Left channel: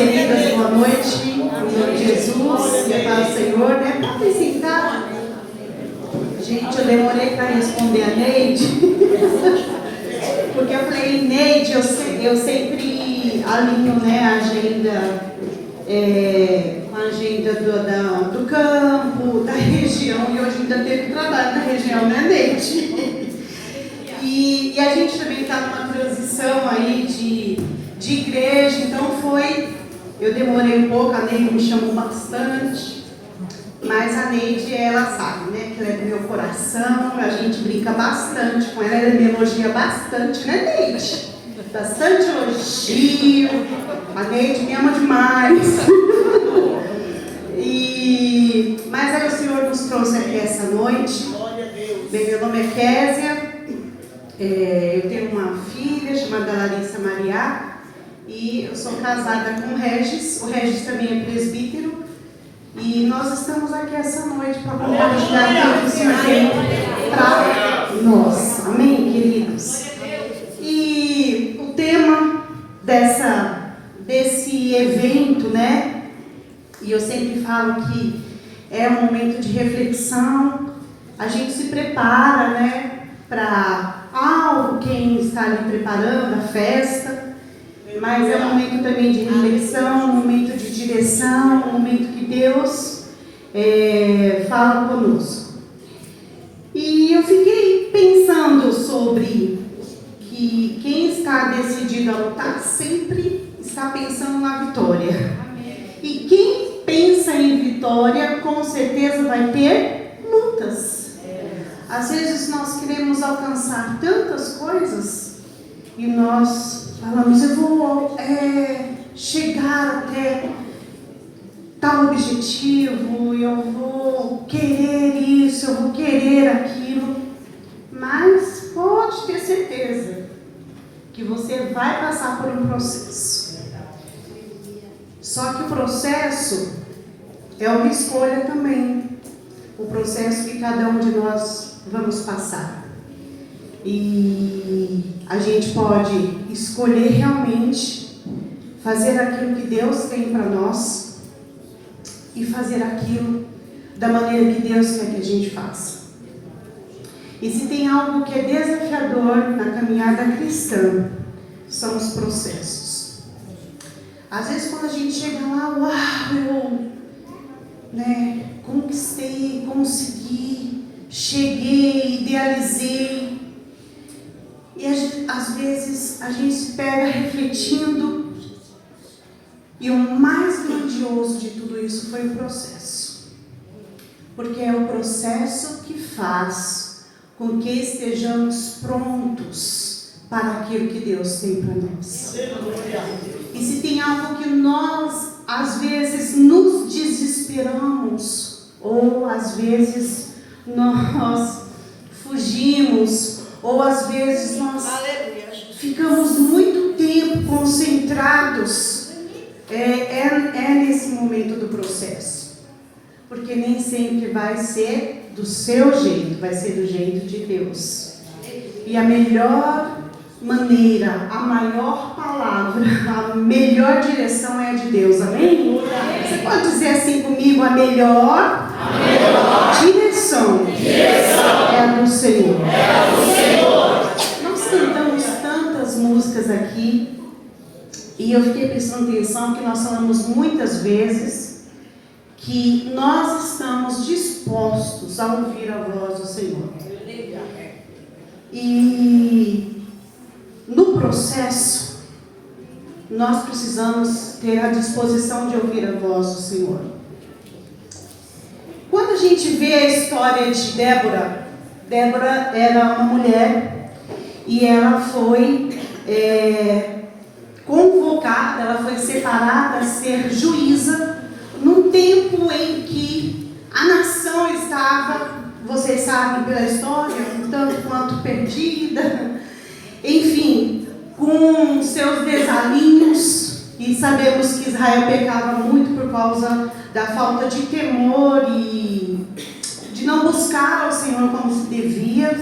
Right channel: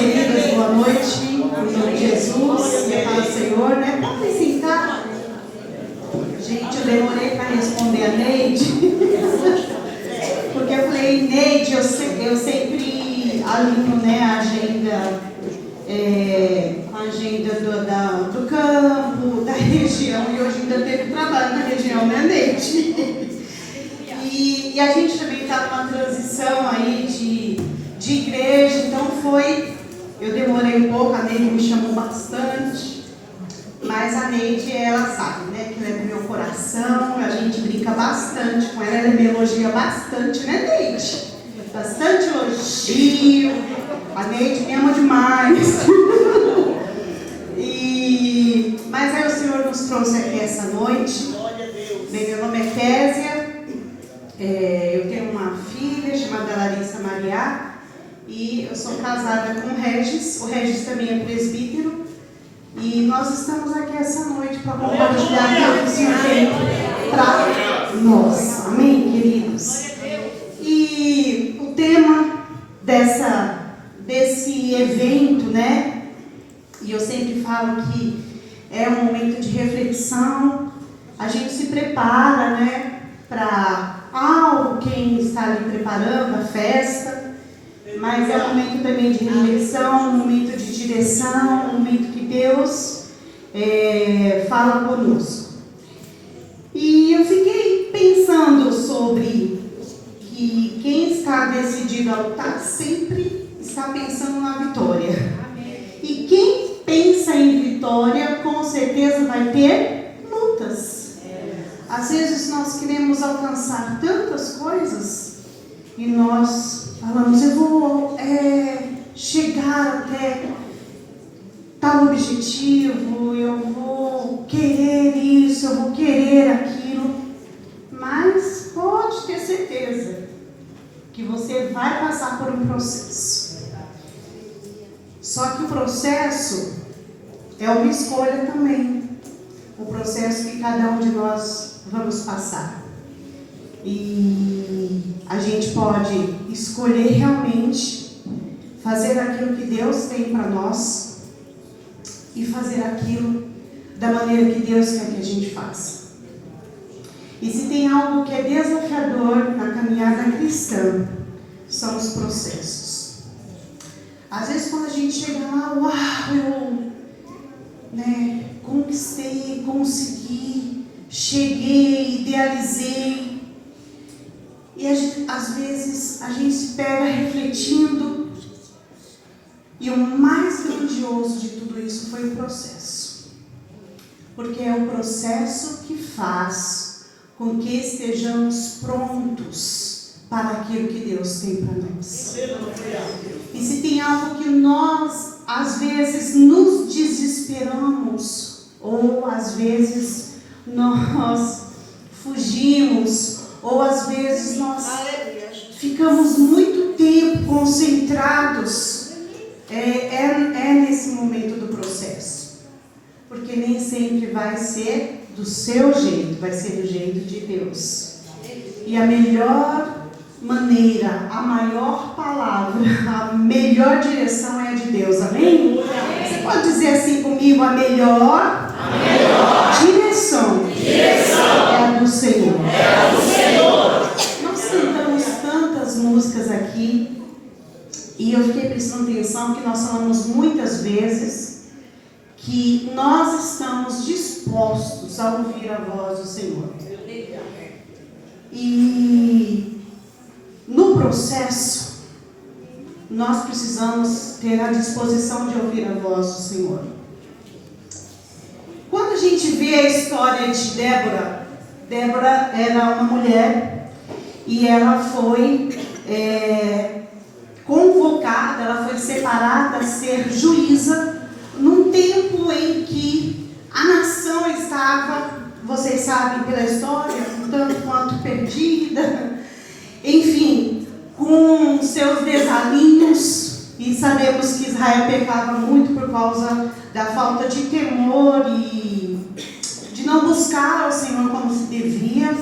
queridas, boa noite. Em nome de Jesus, e a paz do Senhor, né? Podem sentar. Gente, eu demorei para responder a Neide. Porque eu falei, Neide, eu sempre alinho, né, a agenda, com a agenda do campo, da região, e hoje ainda teve trabalho na região, né, Neide? E a gente também está numa transição aí de igreja, então eu demorei um pouco, a Neide me chamou bastante, mas a Neide, ela sabe, né, que ela é do meu coração, a gente brinca bastante com ela, ela me elogia bastante, né, Neide? Bastante elogio, a Neide me ama demais. Mas aí o Senhor nos trouxe aqui essa noite. Bem, meu nome é Késia, eu tenho uma filha chamada Larissa Maria e eu sou casada com o Regis também é presbítero, e nós estamos aqui essa noite para compartilhar o que o Senhor tem para nós, amém, queridos? E o tema desse evento, né, e eu sempre falo que é um momento de reflexão, a gente se prepara, né, para algo, quem está ali preparando a festa, mas é um momento também de reflexão, um momento de direção, um momento que Deus fala conosco. E eu fiquei pensando sobre que quem está decidido a lutar sempre está pensando na vitória. E quem pensa em vitória, com certeza vai ter lutas. Às vezes nós queremos alcançar tantas coisas e nós falamos, eu vou chegar até tal objetivo, eu vou querer isso, eu vou querer aquilo, mas pode ter certeza que você vai passar por um processo. Só que o processo é uma escolha também. O processo que cada um de nós vamos passar. E a gente pode escolher realmente fazer aquilo que Deus tem para nós e fazer aquilo da maneira que Deus quer que a gente faça. E se tem algo que é desafiador na caminhada cristã, são os processos. Às vezes quando a gente chega lá, uau, eu conquistei, consegui, cheguei, idealizei. E às vezes a gente se pega refletindo. E o mais grandioso de tudo isso foi o processo. Porque é o processo que faz com que estejamos prontos para aquilo que Deus tem para nós. E se tem algo que nós, às vezes, nos desesperamos, ou às vezes nós fugimos, ou às vezes nós ficamos muito tempo concentrados, é nesse momento do processo. Porque nem sempre vai ser do seu jeito, vai ser do jeito de Deus. E a melhor maneira, a maior palavra, a melhor direção é a de Deus, amém? Você pode dizer assim comigo, a melhor direção é a do Senhor. Nós cantamos tantas músicas aqui, e eu fiquei prestando atenção que nós falamos muitas vezes que nós estamos dispostos a ouvir a voz do Senhor. E no processo, nós precisamos ter a disposição de ouvir a voz do Senhor. Quando a gente vê a história de Débora era uma mulher e ela foi convocada, ela foi separada a ser juíza num tempo em que a nação estava, vocês sabem pela história, um tanto quanto perdida, enfim, com seus desalinhos, e sabemos que Israel pecava muito por causa da falta de temor e de não buscar ao Senhor como se devia.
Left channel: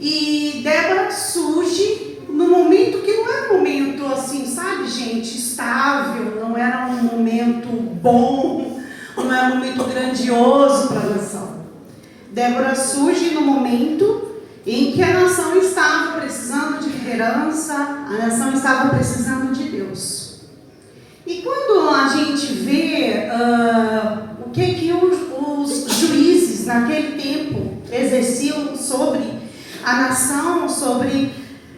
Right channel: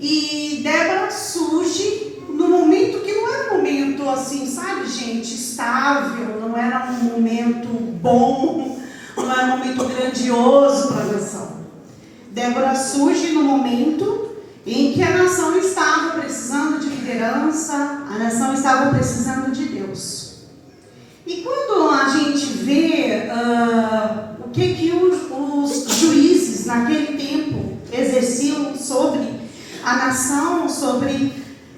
E Débora surge num momento que não é um momento assim, sabe, gente, estável, bom, não era um momento grandioso para a nação. Débora surge no momento em que a nação estava precisando de liderança, a nação estava precisando de Deus. E quando a gente vê o que os juízes naquele tempo exerciam sobre a nação, sobre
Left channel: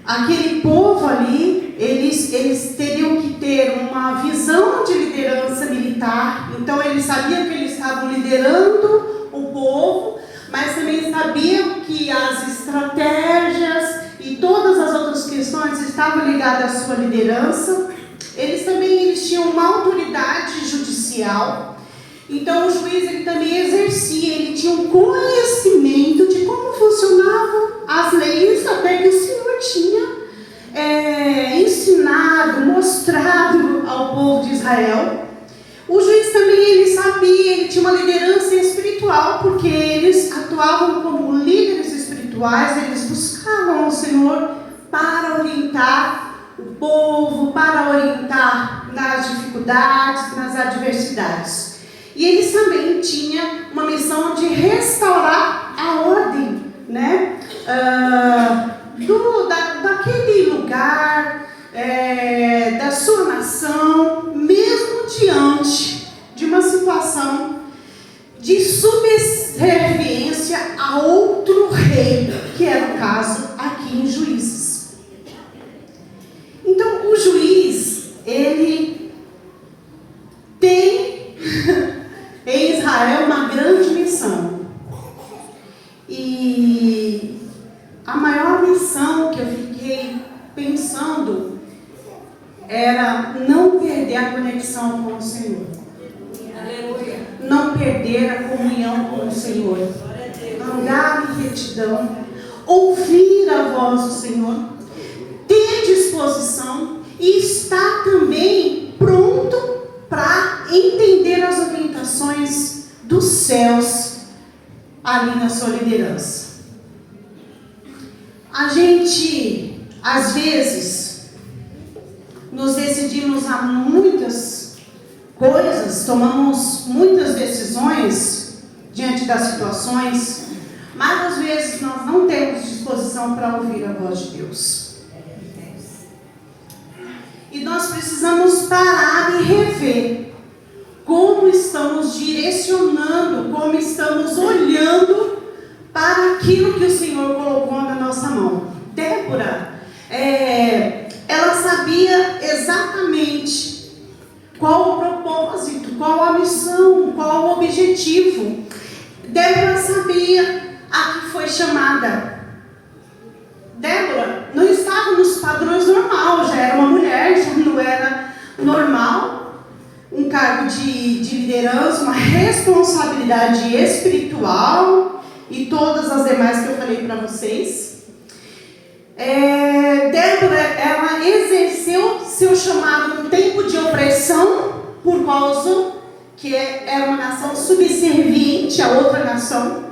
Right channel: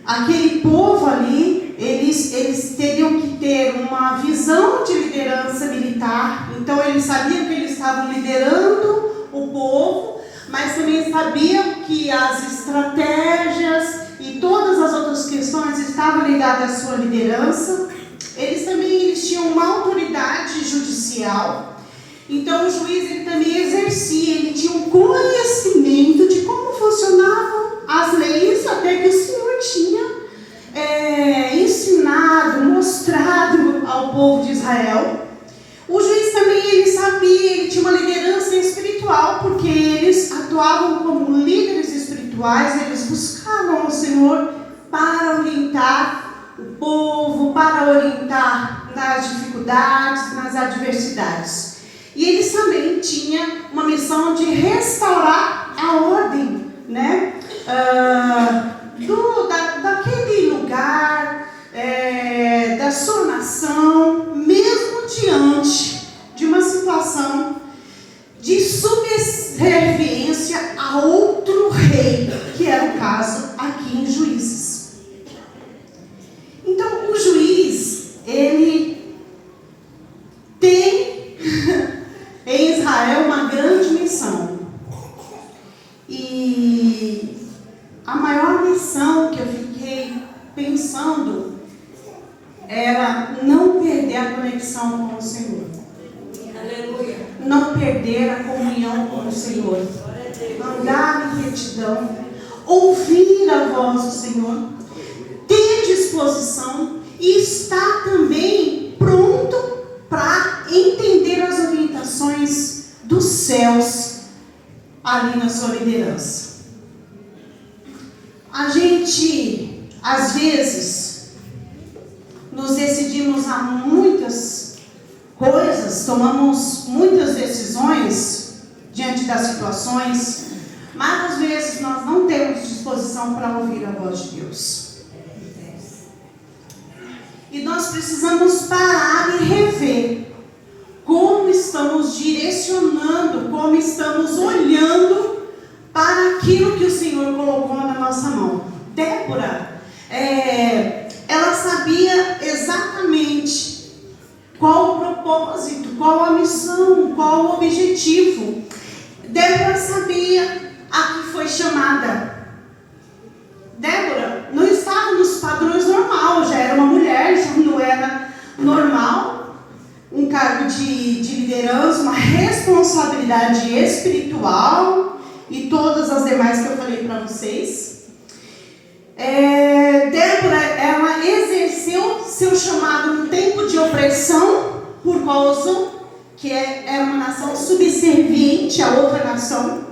aquele povo ali, eles teriam que ter uma visão de liderança militar. Então eles sabiam que eles estavam liderando o povo, mas também sabiam que as estratégias e todas as outras questões estavam ligadas à sua liderança. Eles tinham uma autoridade judicial. Então o juiz ele também exercia, ele tinha um conhecimento de como funcionavam as leis, até que o Senhor tinha ensinado, mostrado ao povo de Israel. O juiz também ele sabia, ele tinha uma liderança espiritual, porque eles atuavam como líderes espirituais, eles buscavam o Senhor para orientar o povo, para orientar nas dificuldades, nas adversidades. E eles também tinham uma missão de restaurar a ordem, né? Daquele lugar, da sua nação, mesmo diante de uma situação de subserviência a outro rei, que era o caso aqui em Juízes. Então, o juiz, ele tem em Israel uma grande missão. E a maior missão que eu fiquei pensando era não perder a conexão com o Senhor. Aleluia. Não perder a comunhão com o Senhor. Andar em retidão. Ouvir a voz do Senhor. Ter disposição e estar também pronto para entender as orientações dos céus ali na sua liderança. A gente, às vezes, nos decidimos a muitas coisas, tomamos muitas decisões diante das situações, mas às vezes nós não temos disposição para ouvir a voz de Deus. E nós precisamos parar e rever como estamos direcionando, como estamos olhando para aquilo que o Senhor colocou na nossa mão. Débora, ela sabia exatamente qual o propósito, qual a missão, qual o objetivo. Débora sabia a que foi chamada. Débora não estava nos padrões normais, já era uma mulher, já não era normal, um cargo de liderança, uma responsabilidade espiritual e todas as demais que eu falei para vocês. Débora, ela exerceu seu chamado no tempo de opressão, por causa que era uma nação subserviente a outra nação.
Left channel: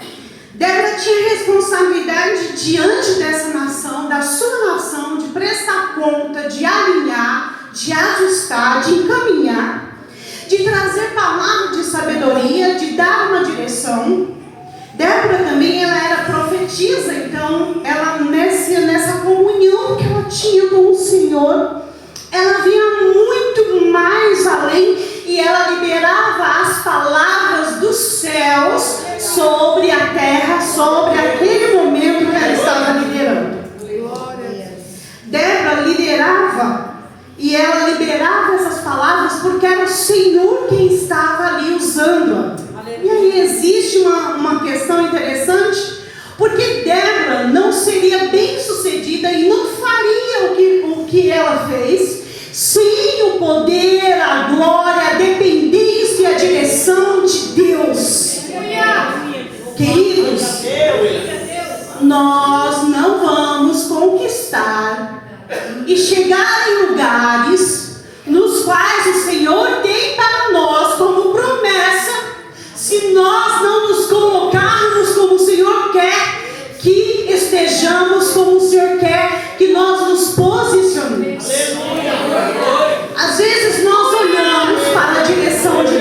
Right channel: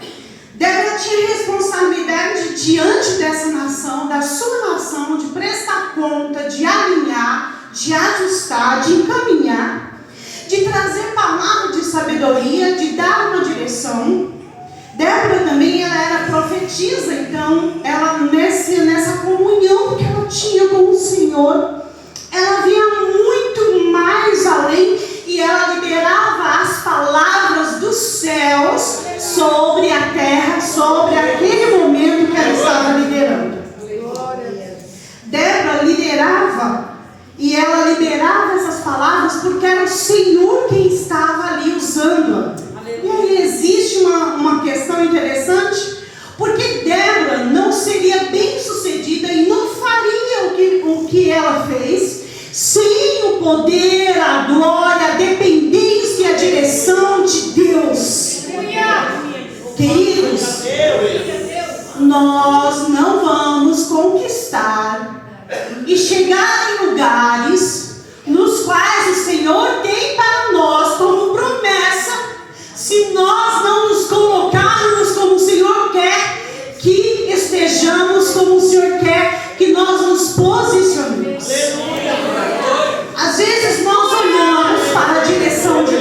Débora tinha responsabilidade diante dessa nação, da sua nação, de prestar conta, de alinhar, de ajustar, de encaminhar, de trazer palavra de sabedoria, de dar uma direção. Débora também, ela era profetisa, então, ela nessa comunhão que ela tinha com o Senhor, ela via muito mais além e ela liberava as palavras dos céus sobre a terra, sobre aquele momento que ela estava liderando. Débora liderava e ela liberava essas palavras porque era o Senhor quem estava ali usando-a. E aí existe uma questão interessante, porque Débora não seria bem sucedida e não faria o que ela fez sem o poder, a glória, a dependência e a direção de Deus. Queridos, nós não vamos conquistar e chegar em lugares nos quais o Senhor tem para nós como promessa, se nós não nos colocarmos como o Senhor quer que estejamos, como o Senhor quer que nós nos posicionemos. Às vezes nós olhamos para a direção de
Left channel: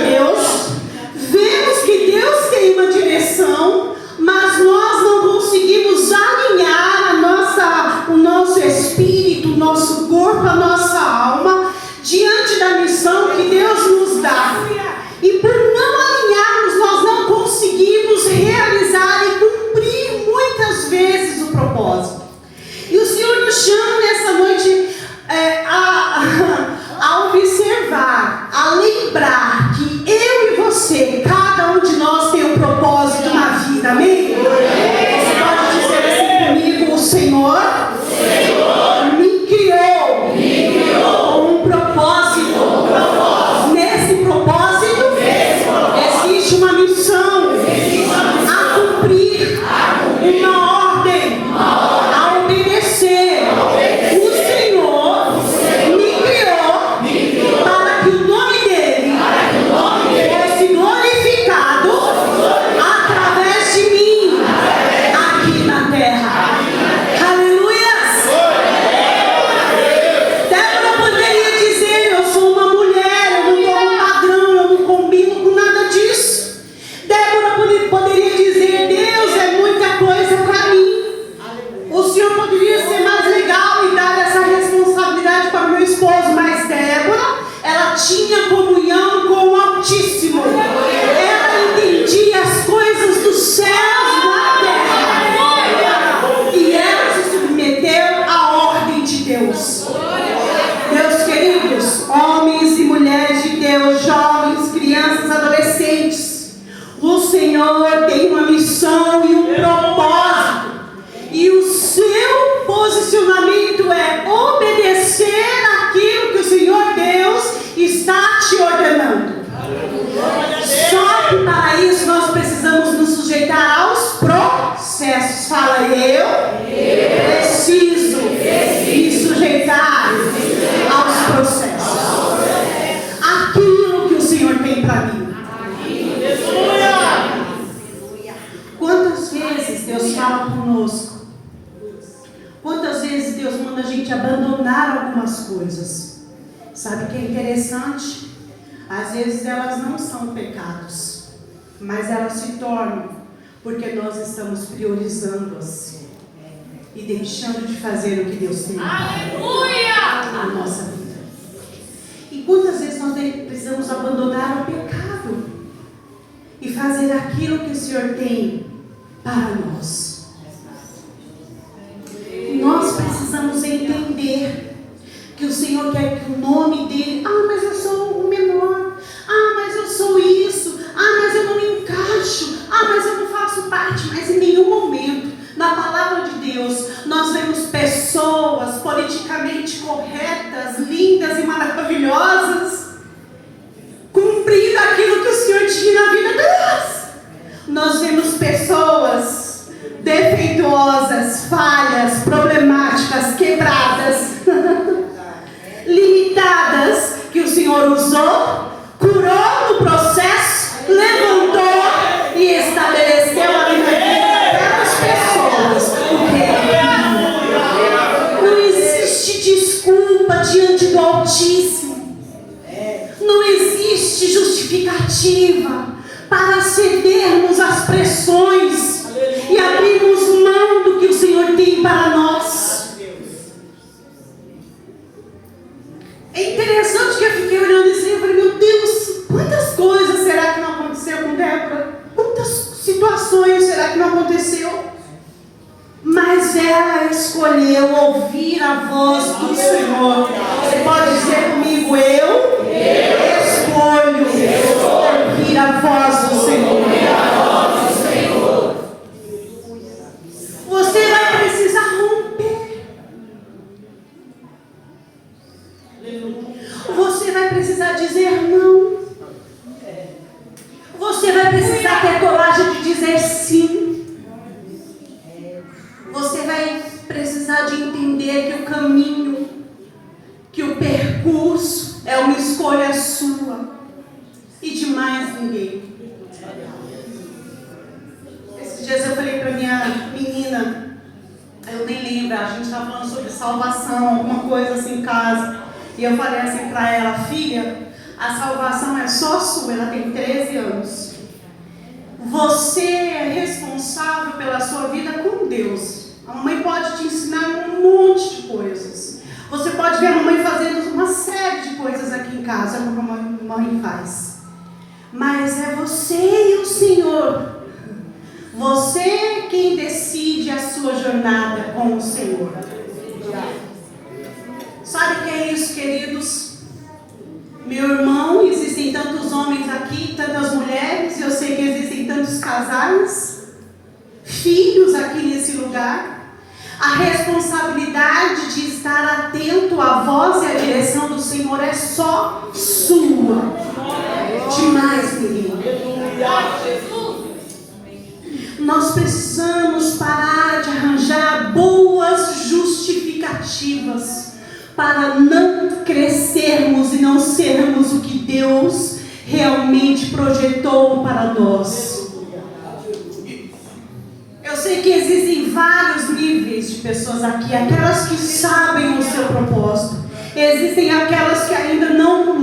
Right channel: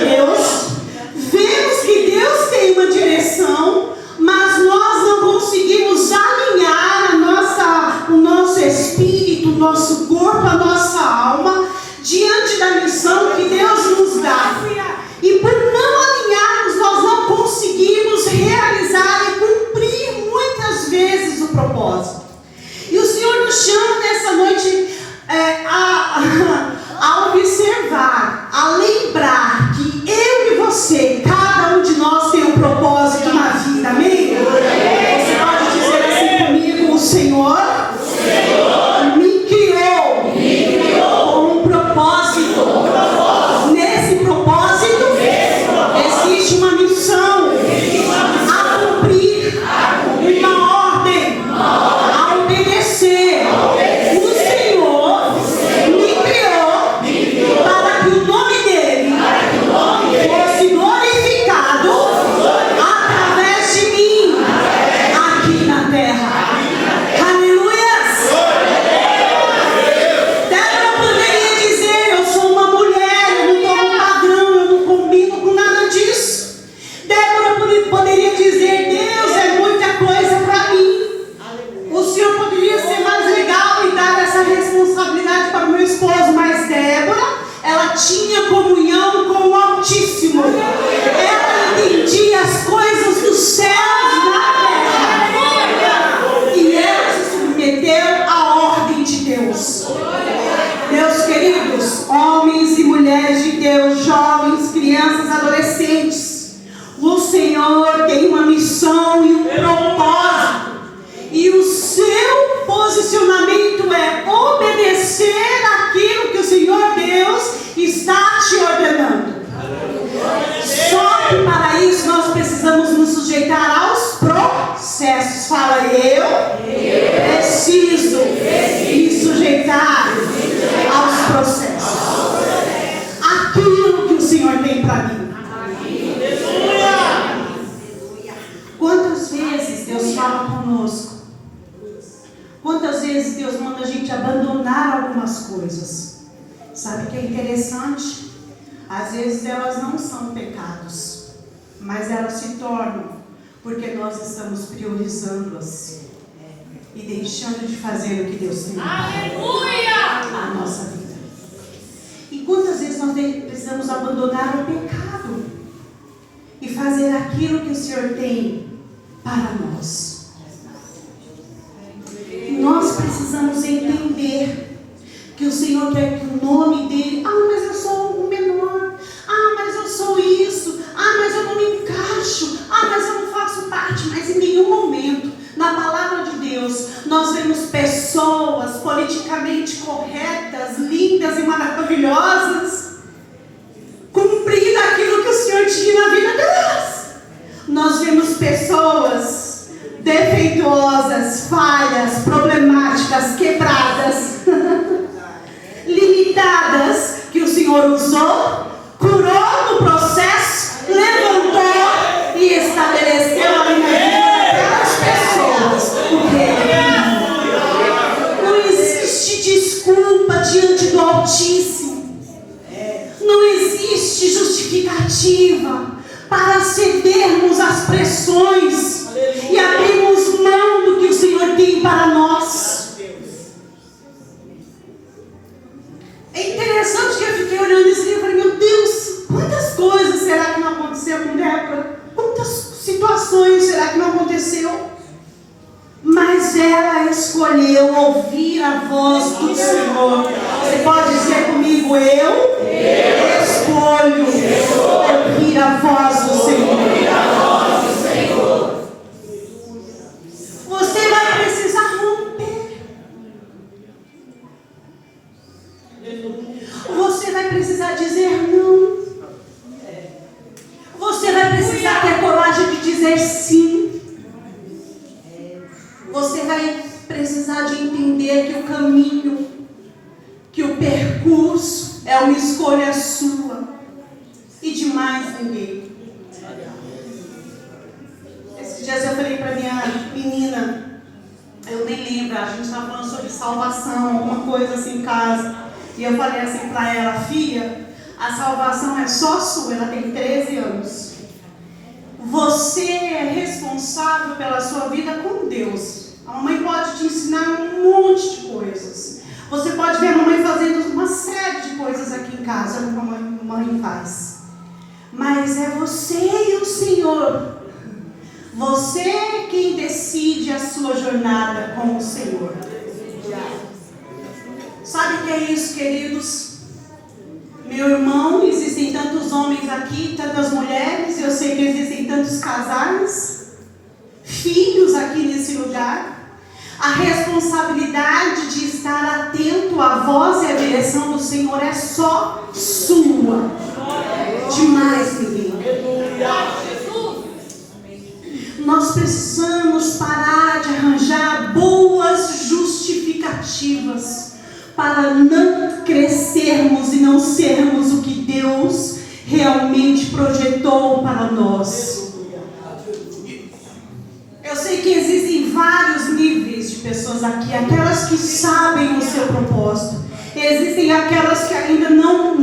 Sabe o que é interessante? Às vezes elas não são pecados, mas elas se tornam porque nós estamos priorizando-as e deixando de fazer o que Deus tem na nossa vida. E quantas vezes nós precisamos abandonar o pecado e fazer aquilo que o Senhor tem para nós? Nós precisamos entender que o Senhor quer que o nome dele, mas eu sou o menor, mas eu sou isso, mas eu não me encaixo, mas eu não faço parte. Mas em nenhum momento, na palavra de Deus, nós vemos pessoas politicamente corretas, lindas e maravilhosas, cumprindo aquilo que o Senhor tinha na vida delas. Nós vemos pessoas defeituosas, falhas, problemáticas, quebradas, limitadas, que o Senhor usou, curou no processo, levantou e estabeleceu a vida daquelas pessoas. Não existe desculpa diante do Altíssimo. Não existe justificativa para cedermos às pressões e abrirmos mão do que o Senhor tem para nós. É interessante que eu fiquei olhando assim e falei, meu Deus, quantas coisas será que não aconteceu com Débora? Quantas situações será que não aconteceu? Mas ela escolheu ouvir a voz do Senhor. Você pode dizer comigo, eu escolho ouvir a voz do Senhor. Você vai precisar romper. Você vai precisar dizer não. Você vai precisar ter coragem de dizer sim. Você vai precisar de entender que o caminho, que o percurso é uma escolha sua e de mais ninguém. Esses dias eu falei para minha menina, eu nem lembro, a gente estava falando sobre salvação, alguma coisa assim em casa. E eu falei assim para ela, filha, a salvação é só sua, ela tem 13 anos. Você é responsável pela sua vida com Deus. A mamãe pode te ensinar um monte de coisas. Você pode ver a mamãe fazendo uma série de coisas aqui em casa, como a mamãe faz. Mas é você e o Senhor. Você é quem decide a sua jornada com o Senhor. Sabe o que é isso, queridos? Meu irmão, existem tantos homens aqui, tantas mulheres, eu sei que existem tantos casais, filhos aqui nesse lugar. A responsabilidade de estar atento à voz e à direção do Senhor é só sua, de mais ninguém. Nós precisamos parar de arranjar boas justificativas para não crescermos e não sermos o que Deus realmente projetou para nós. Eu sei que existem vários níveis de pessoas aqui, aquelas que sabem o seu propósito. Existem aquelas que ainda não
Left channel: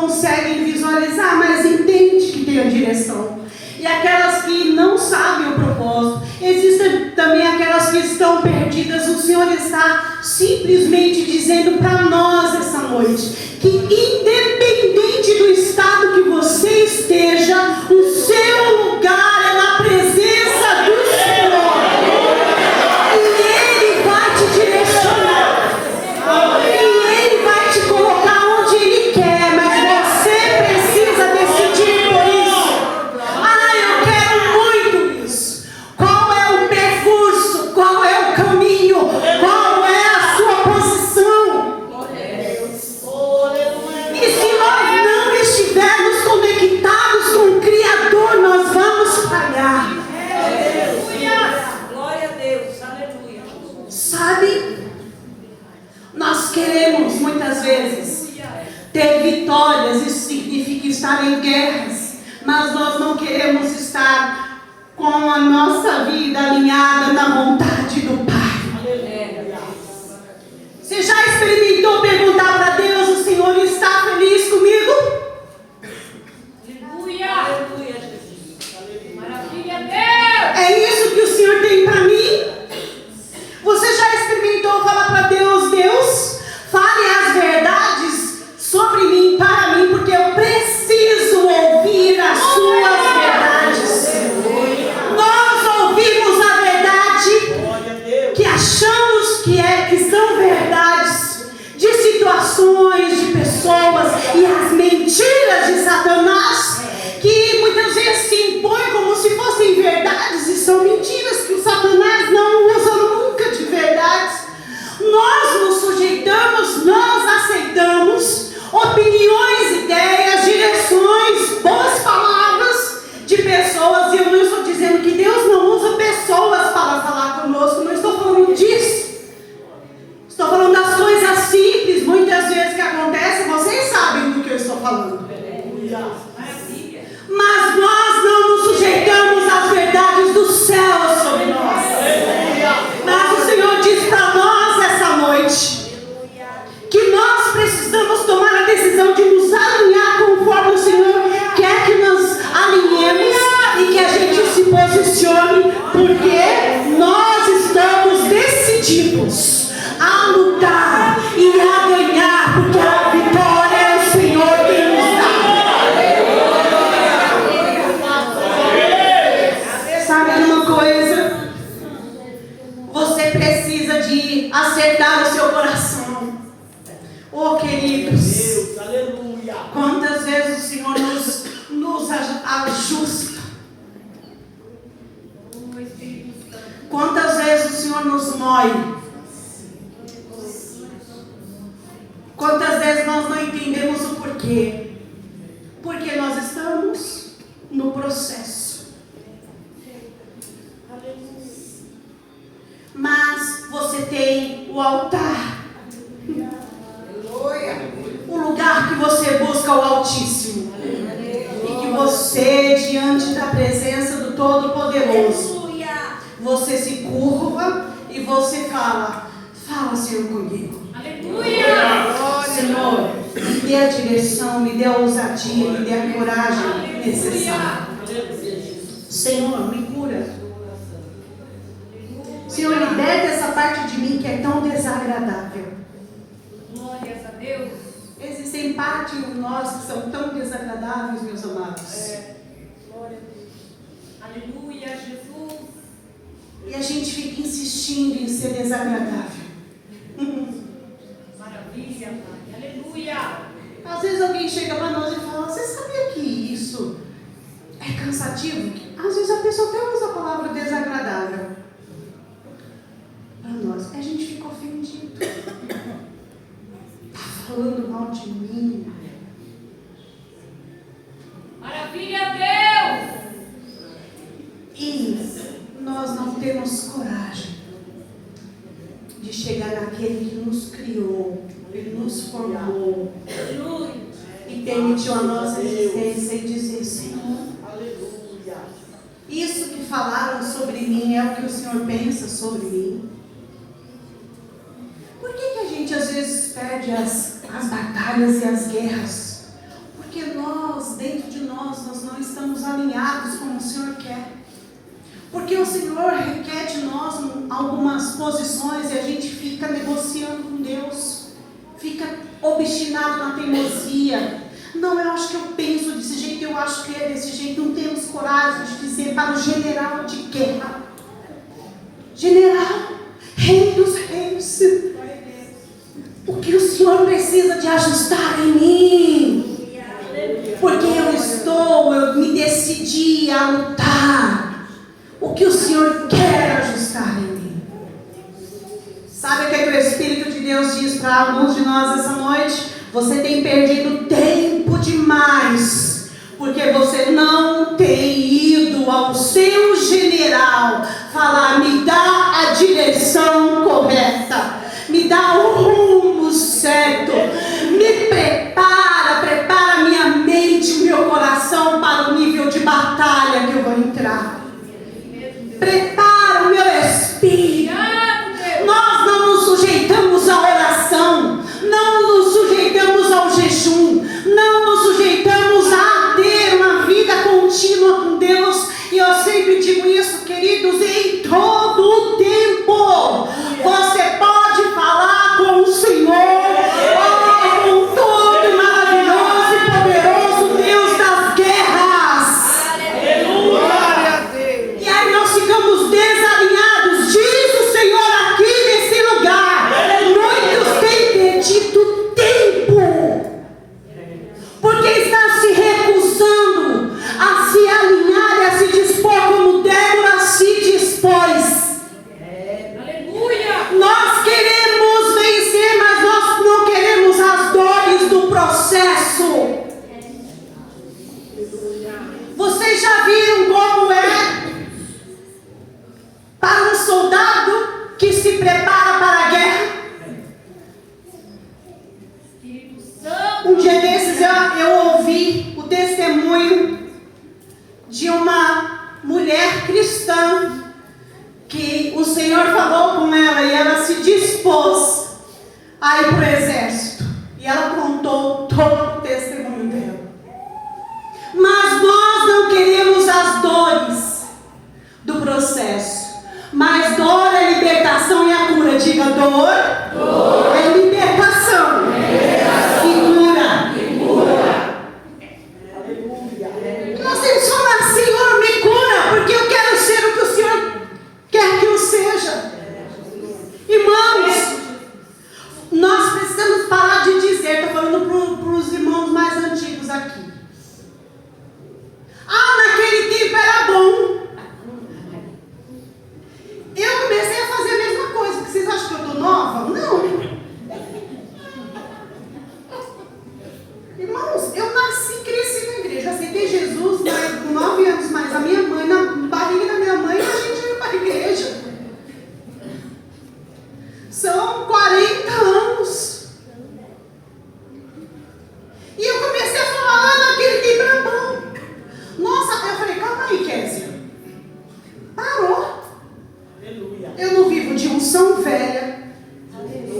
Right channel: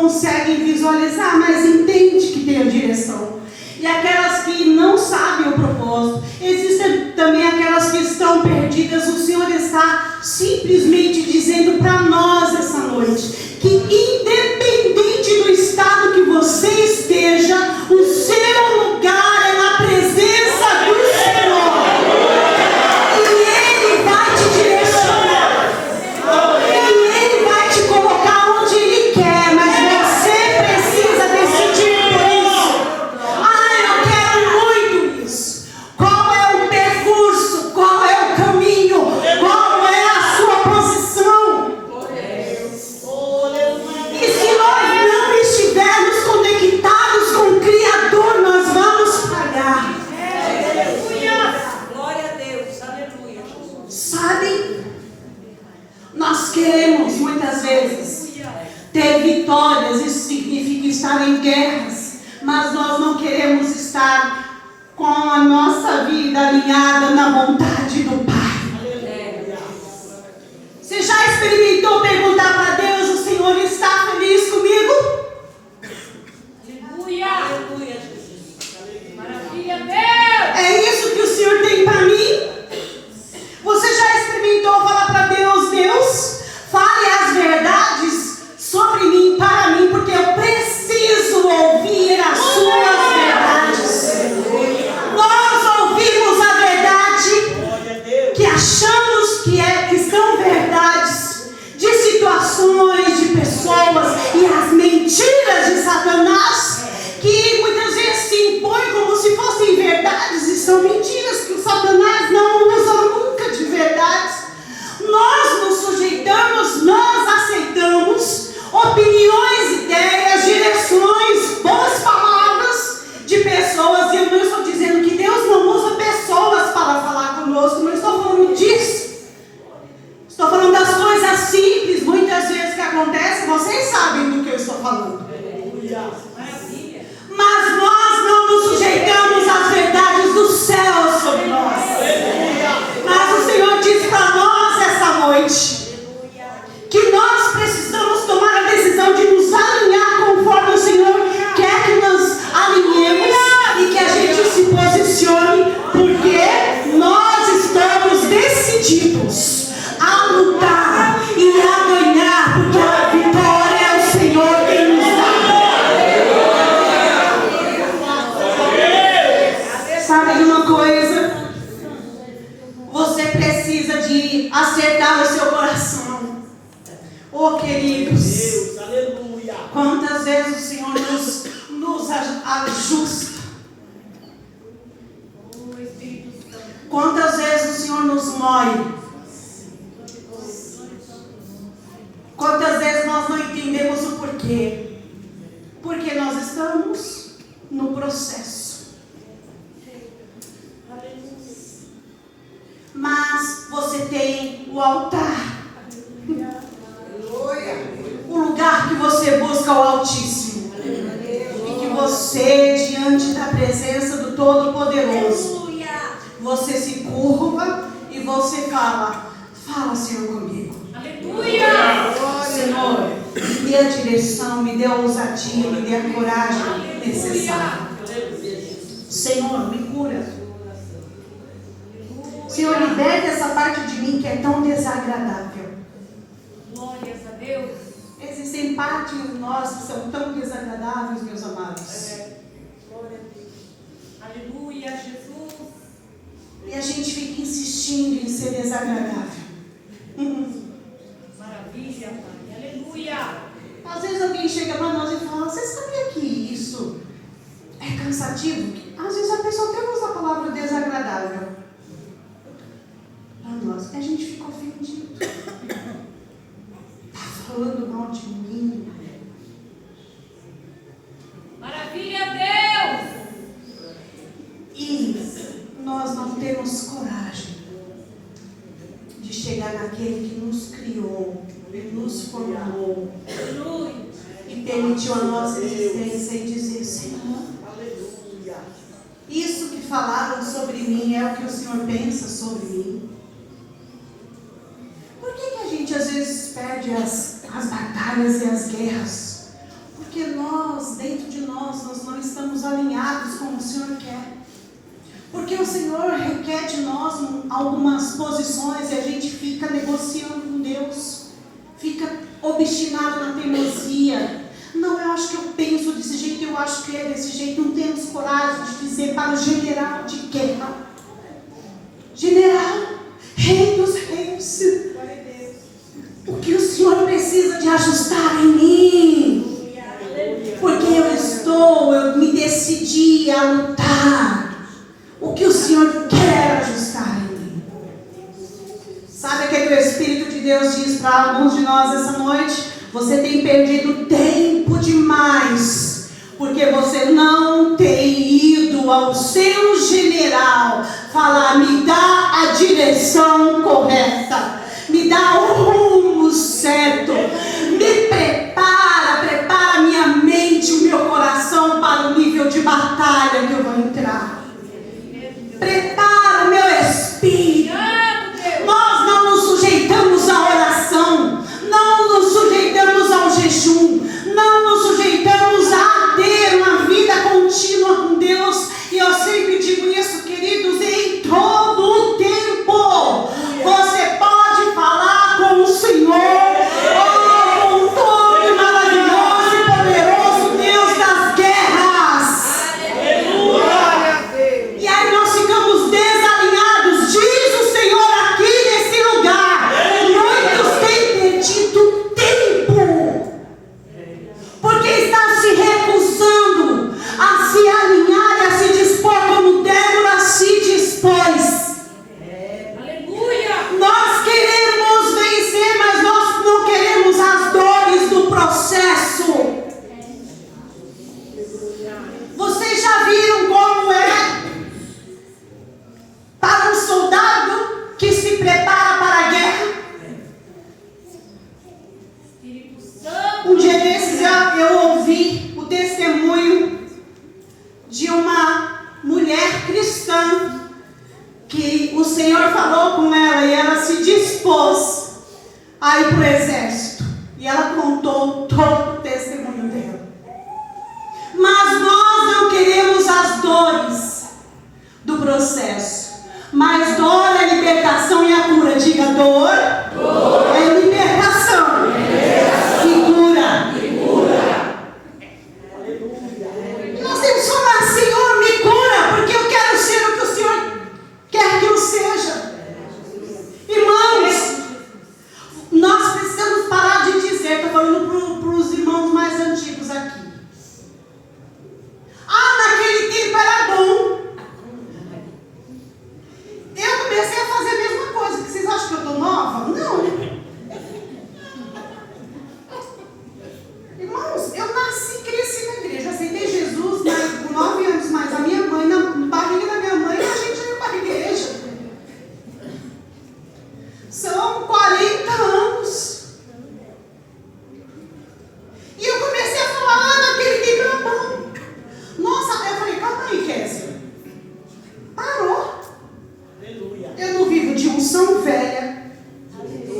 conseguem visualizar, mas entendem que tem a direção. E aquelas que não sabem o propósito. Existem também aquelas que estão perdidas. O Senhor está simplesmente dizendo para nós essa noite que independente do estado que você esteja, o seu lugar é na presença do Senhor. E Ele vai te direcionar. E Ele vai te colocar onde Ele quer. Mas você precisa decidir por isso. Eu quero muito isso. Qual é o percurso? Qual é o caminho? Qual é a sua posição? E se nós não estivermos conectados com o Criador, nós vamos falhar. Glória a Deus, aleluia. Sabe? Nós queremos muitas vezes ter vitórias, isso significa estar em guerras, mas nós não queremos estar com a nossa vida alinhada na vontade do Pai. Você já experimentou perguntar para Deus, o Senhor Deus. Aleluia. Quantas vezes o Senhor nos ajusta? Quantas vezes o Senhor nos mói? Quantas vezes nós não entendemos o porquê? Porque nós estamos no processo. Mas você tem o altar. O lugar que você busca o Altíssimo. E que você, diante da presença do Todo-Poderoso, você se curva e você fala, Senhor, comigo. Aleluia. Senhor, me dê a direção, me dê a ousadia, me dê a coragem necessária. Senhor, me cura. Senhor, liberte essa parte de mim que é tão desagradável. Glórias a Deus. Existem partes de nós que são tão desagradáveis, meus amados. Glória a Deus. Aleluia, Jesus. E a gente fica insistindo em ser desagradável. Maravilha, Pai. Aleluia. Às vezes alguém chega para nós e fala, você sabia que isso é cansativo? Às vezes a pessoa até usa a palavra desagradável. Para nós, a gente fica ofendido. Está falando mal de mim. Maravilha, Deus. E nós não temos coragem de chegar naquele que nos criou, que nos formou, e permitiu a nossa existência e dizer, Senhor, Aleluia. isso que falaram sobre mim é o que o Senhor pensa sobre mim. Por que a gente às vezes perde as batalhas e as guerras? Porque nós, dentro de nós não estamos alinhados como o Senhor quer. Porque o Senhor requer de nós algumas posições e a gente fica negociando com Deus, fica obstinado na teimosia. Não, eu acho que eu penso desse jeito, eu acho que é desse jeito. Não temos coragem de dizer para o general de guerra, general, rei dos reis, o que o Senhor precisa de ajustar em mim. Porque eu me decidi a lutar. O que o Senhor quer ajustar em mim. Sabe o que o Espírito de Deus diz para alguns de nós essa noite? Você tem perdido tempo demais, porque você não tem ido ao seu general falar, me dá a direção correta, me dá o rumo certo, me prepara minha mente, o meu coração para o nível de batalha que eu vou entrar. Prepara o meu espírito. Nós não nos sujeitamos à oração, não nos sujeitamos ao jejum, não nos sujeitamos a ter uma vida contínua com Deus. E eu sempre digo isso, queridos, em todo o tempo você pode falar com o Senhor, com todo maravilhoso e poderoso Deus das guerras. E aí nós ficamos desalinhados. Diz o Senhor aqui nesse lugar, muitos têm perdido tempo, porque está se recusando a se alinhar e a se dispor como Débora se dispôs. Aleluia. Nós queremos vencer, mas nós não queremos as dores do processo. Vocês já viram como é para um soldado que se prepara para a guerra? Espírito Santo. Um dia desses eu ouvi o testemunho de uma mulher cristã que o Senhor falou com ela e ela se dispôs a ir para o exército. E ela contou todo o testemunho dela. Mas nós não queremos as dores do processo. Mas dor é libertação e a cura. Diga, dor é libertação e cura. E eu comecei a falar, naquele tempo era bom. Nossa, até eu falei, calma aí, Kézia. Parou. Aleluia. Eu não vivo de unção velha.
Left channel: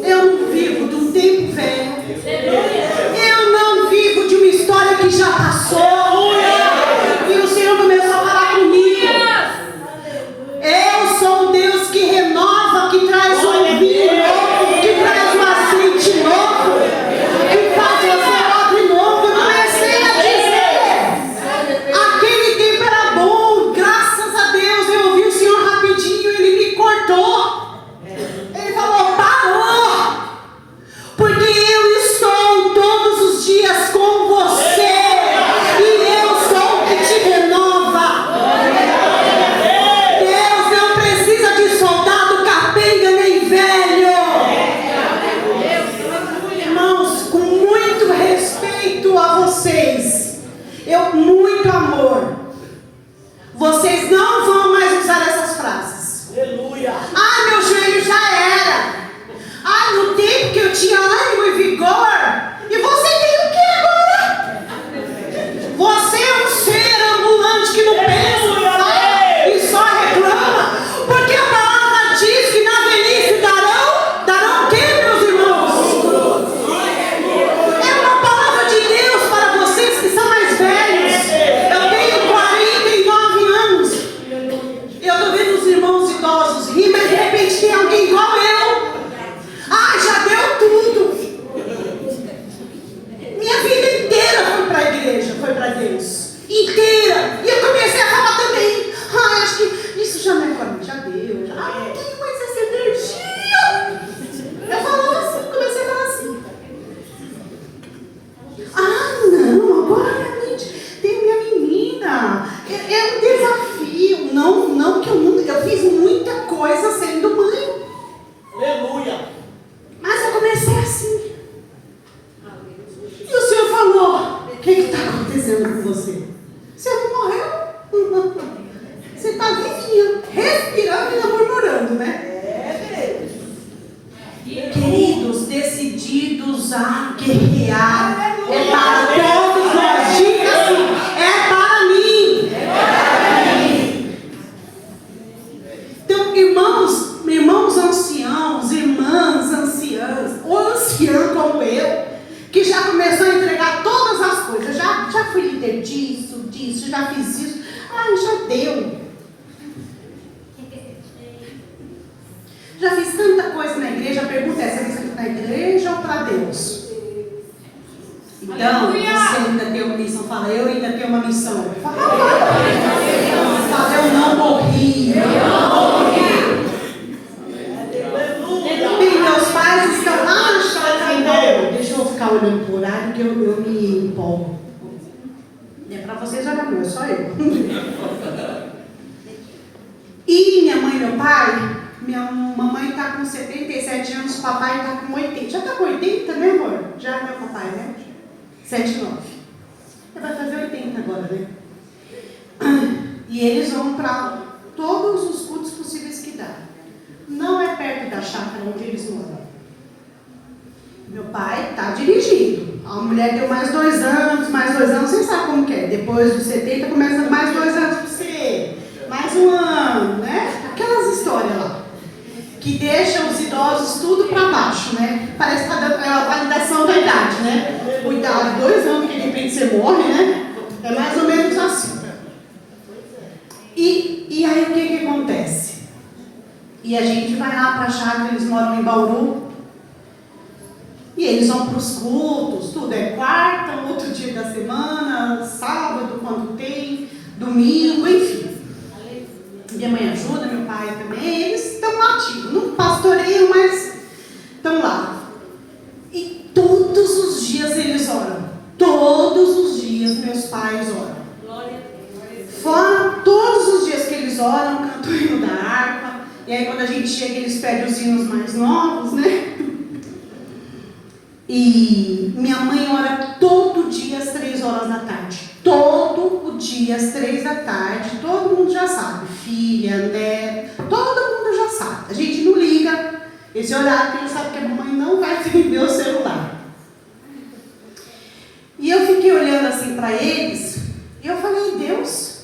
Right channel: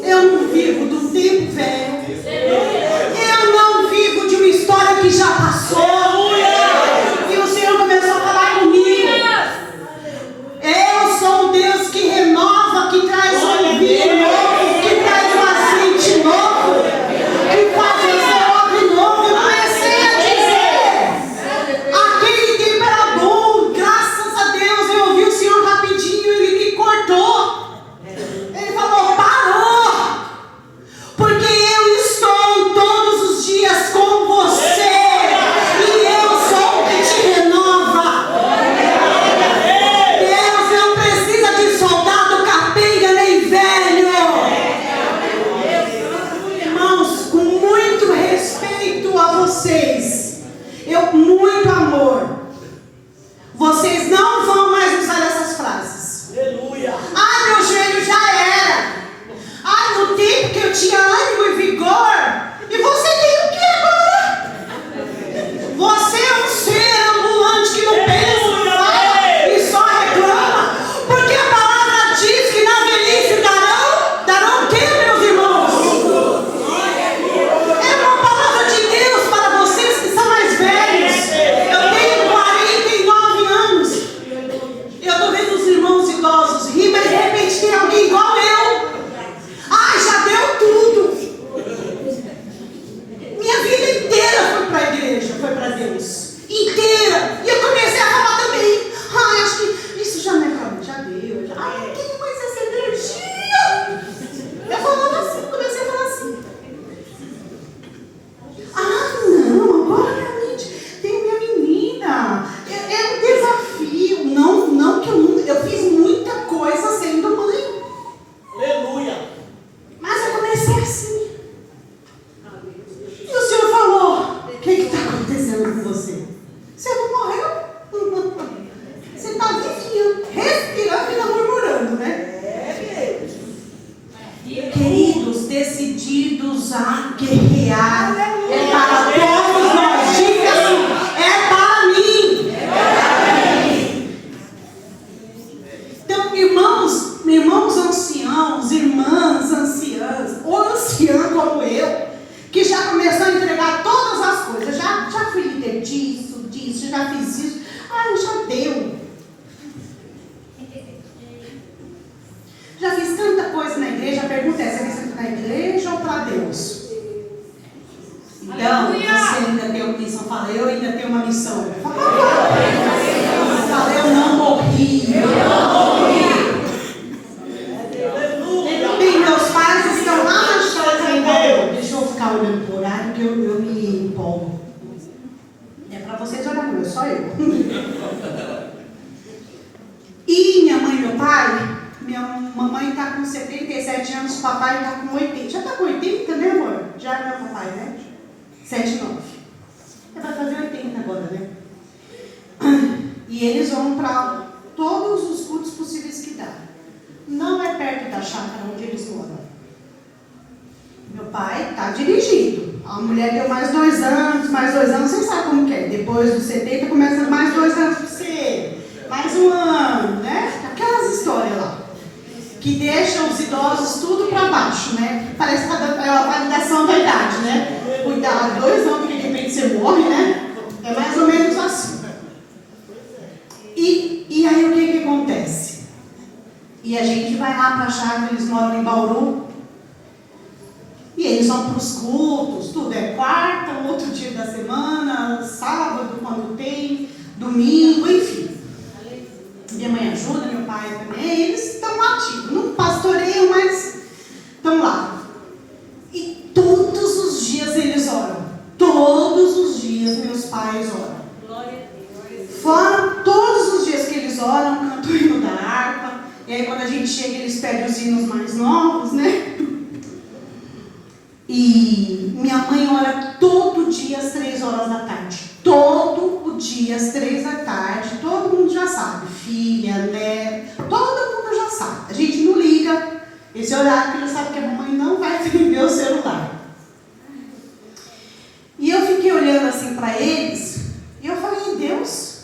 Eu não vivo de um tempo velho. Eu não vivo de uma história que já passou. E o Senhor começou a falar comigo. Eu sou um Deus que renova, que traz um vinho novo, que traz um azeite novo, que faz esse obra novo. Eu comecei a dizer. Aquele tempo era bom, graças a Deus. Eu ouvi o Senhor rapidinho, ele me cortou. Ele falou, parou. Porque eu estou todos os dias com você. E eu sou o que te renova. Deus não precisa de soldado capenga nem velho. Irmãos, com muito respeito a vocês, muito amor, vocês não vão mais usar essas frases. Aleluia. Ah, meu joelho já era. Ah, no tempo que eu tinha ânimo e vigor. E você tem o que agora? Você é um ser ambulante que não pensa e só reclama. Porque a palavra diz que na velhice darão o que, meus irmãos? É uma palavra de Deus para vocês que são mais velhos. Eu tenho 49 anos. Eu estou vendo os irmãos idosos rir, mas de repente tem alguém igual eu. Ai, já deu tudo. Minha vida inteira foi para a igreja, foi para Deus. Inteira. E eu comecei a falar também. Ai, acho que isso já não é para mim, já deu. Ai, não tenho mais essa energia. Eu falava assim, comecei a falar assim. Ah, não, agora realmente tem minha menina. É um desafio. Não que eu fiz muita coisa sendo mãe. Aleluia. Mas eu comecei assim. E o Senhor falou, o que está acontecendo com você? Você não morreu? Você está vivinho, respirando e não murmurando, né? Queridos, decididos a guerrear. É para todos nós. Diga assim, é para mim. Então, irmãos anciãos, irmãs anciãs, ou ancião como eu, que já começou a entregar todas as coisas, já fui líder disso, já fiz isso, já deu. Já fiz tanta coisa na igreja, a pergunta é, você quer na igreja ou para Deus? Então, você ainda tem uma missão, fala, eu ainda tenho uma missão. Fala, eu não morri. Bem, meus pais estão deixa eu ficar olhando por horário que eu me empolgo. É para vocês olhar, não é só eu. E minha mãe e meu pai, minha mamãe está com 77 anos, papai está com 80. Já está com 80 também, amor? Já é meu papai, né? 79. Ele vai fazer 80 agora, né? E eles vão para todos os cultos possíveis que dá. Não é perto da chácara onde eles moram. Meu pai está dirigindo. A mulher deu mais 2 anos, vocês sabem como que é. Depois dos 70 começa mais 2 anos para você. Mais 1 ano, né? Aquelas histórias lá. Que deixam os idosos tudo para baixo, né? Parece que está dando a validação da idade, né? Cuidado, 2 anos que de repente você morre, né? É mais ou menos assim. E aí o que acontece? E a gente vai lá para a chácara, eles moram em Bauru. E eles vão para os cultos, tudo é quarta, um outro dia da semana, sábado, quando tem, domingo, enfim. Minha mãe ajuda, meu pai também, eles estão ativos. Não pastoreiam, mas estão lá. E todos os dias eles oram. Todos os dias meus pais oram. Fora todos os dias que eles oram, cantam o hino da harpa. E aí quando a gente chega, eles pedem os hinos mais novos, né? E minha mãe ora todo dia às 3 horas da tarde. Todo o dia às 3 da tarde. Todo mundo já sabe. Filha, neto, todo mundo já sabe. A gente não liga esse horário, porque ela sabe que a mamãe não vai atender o celular. E para eles, e eu falei, Deus,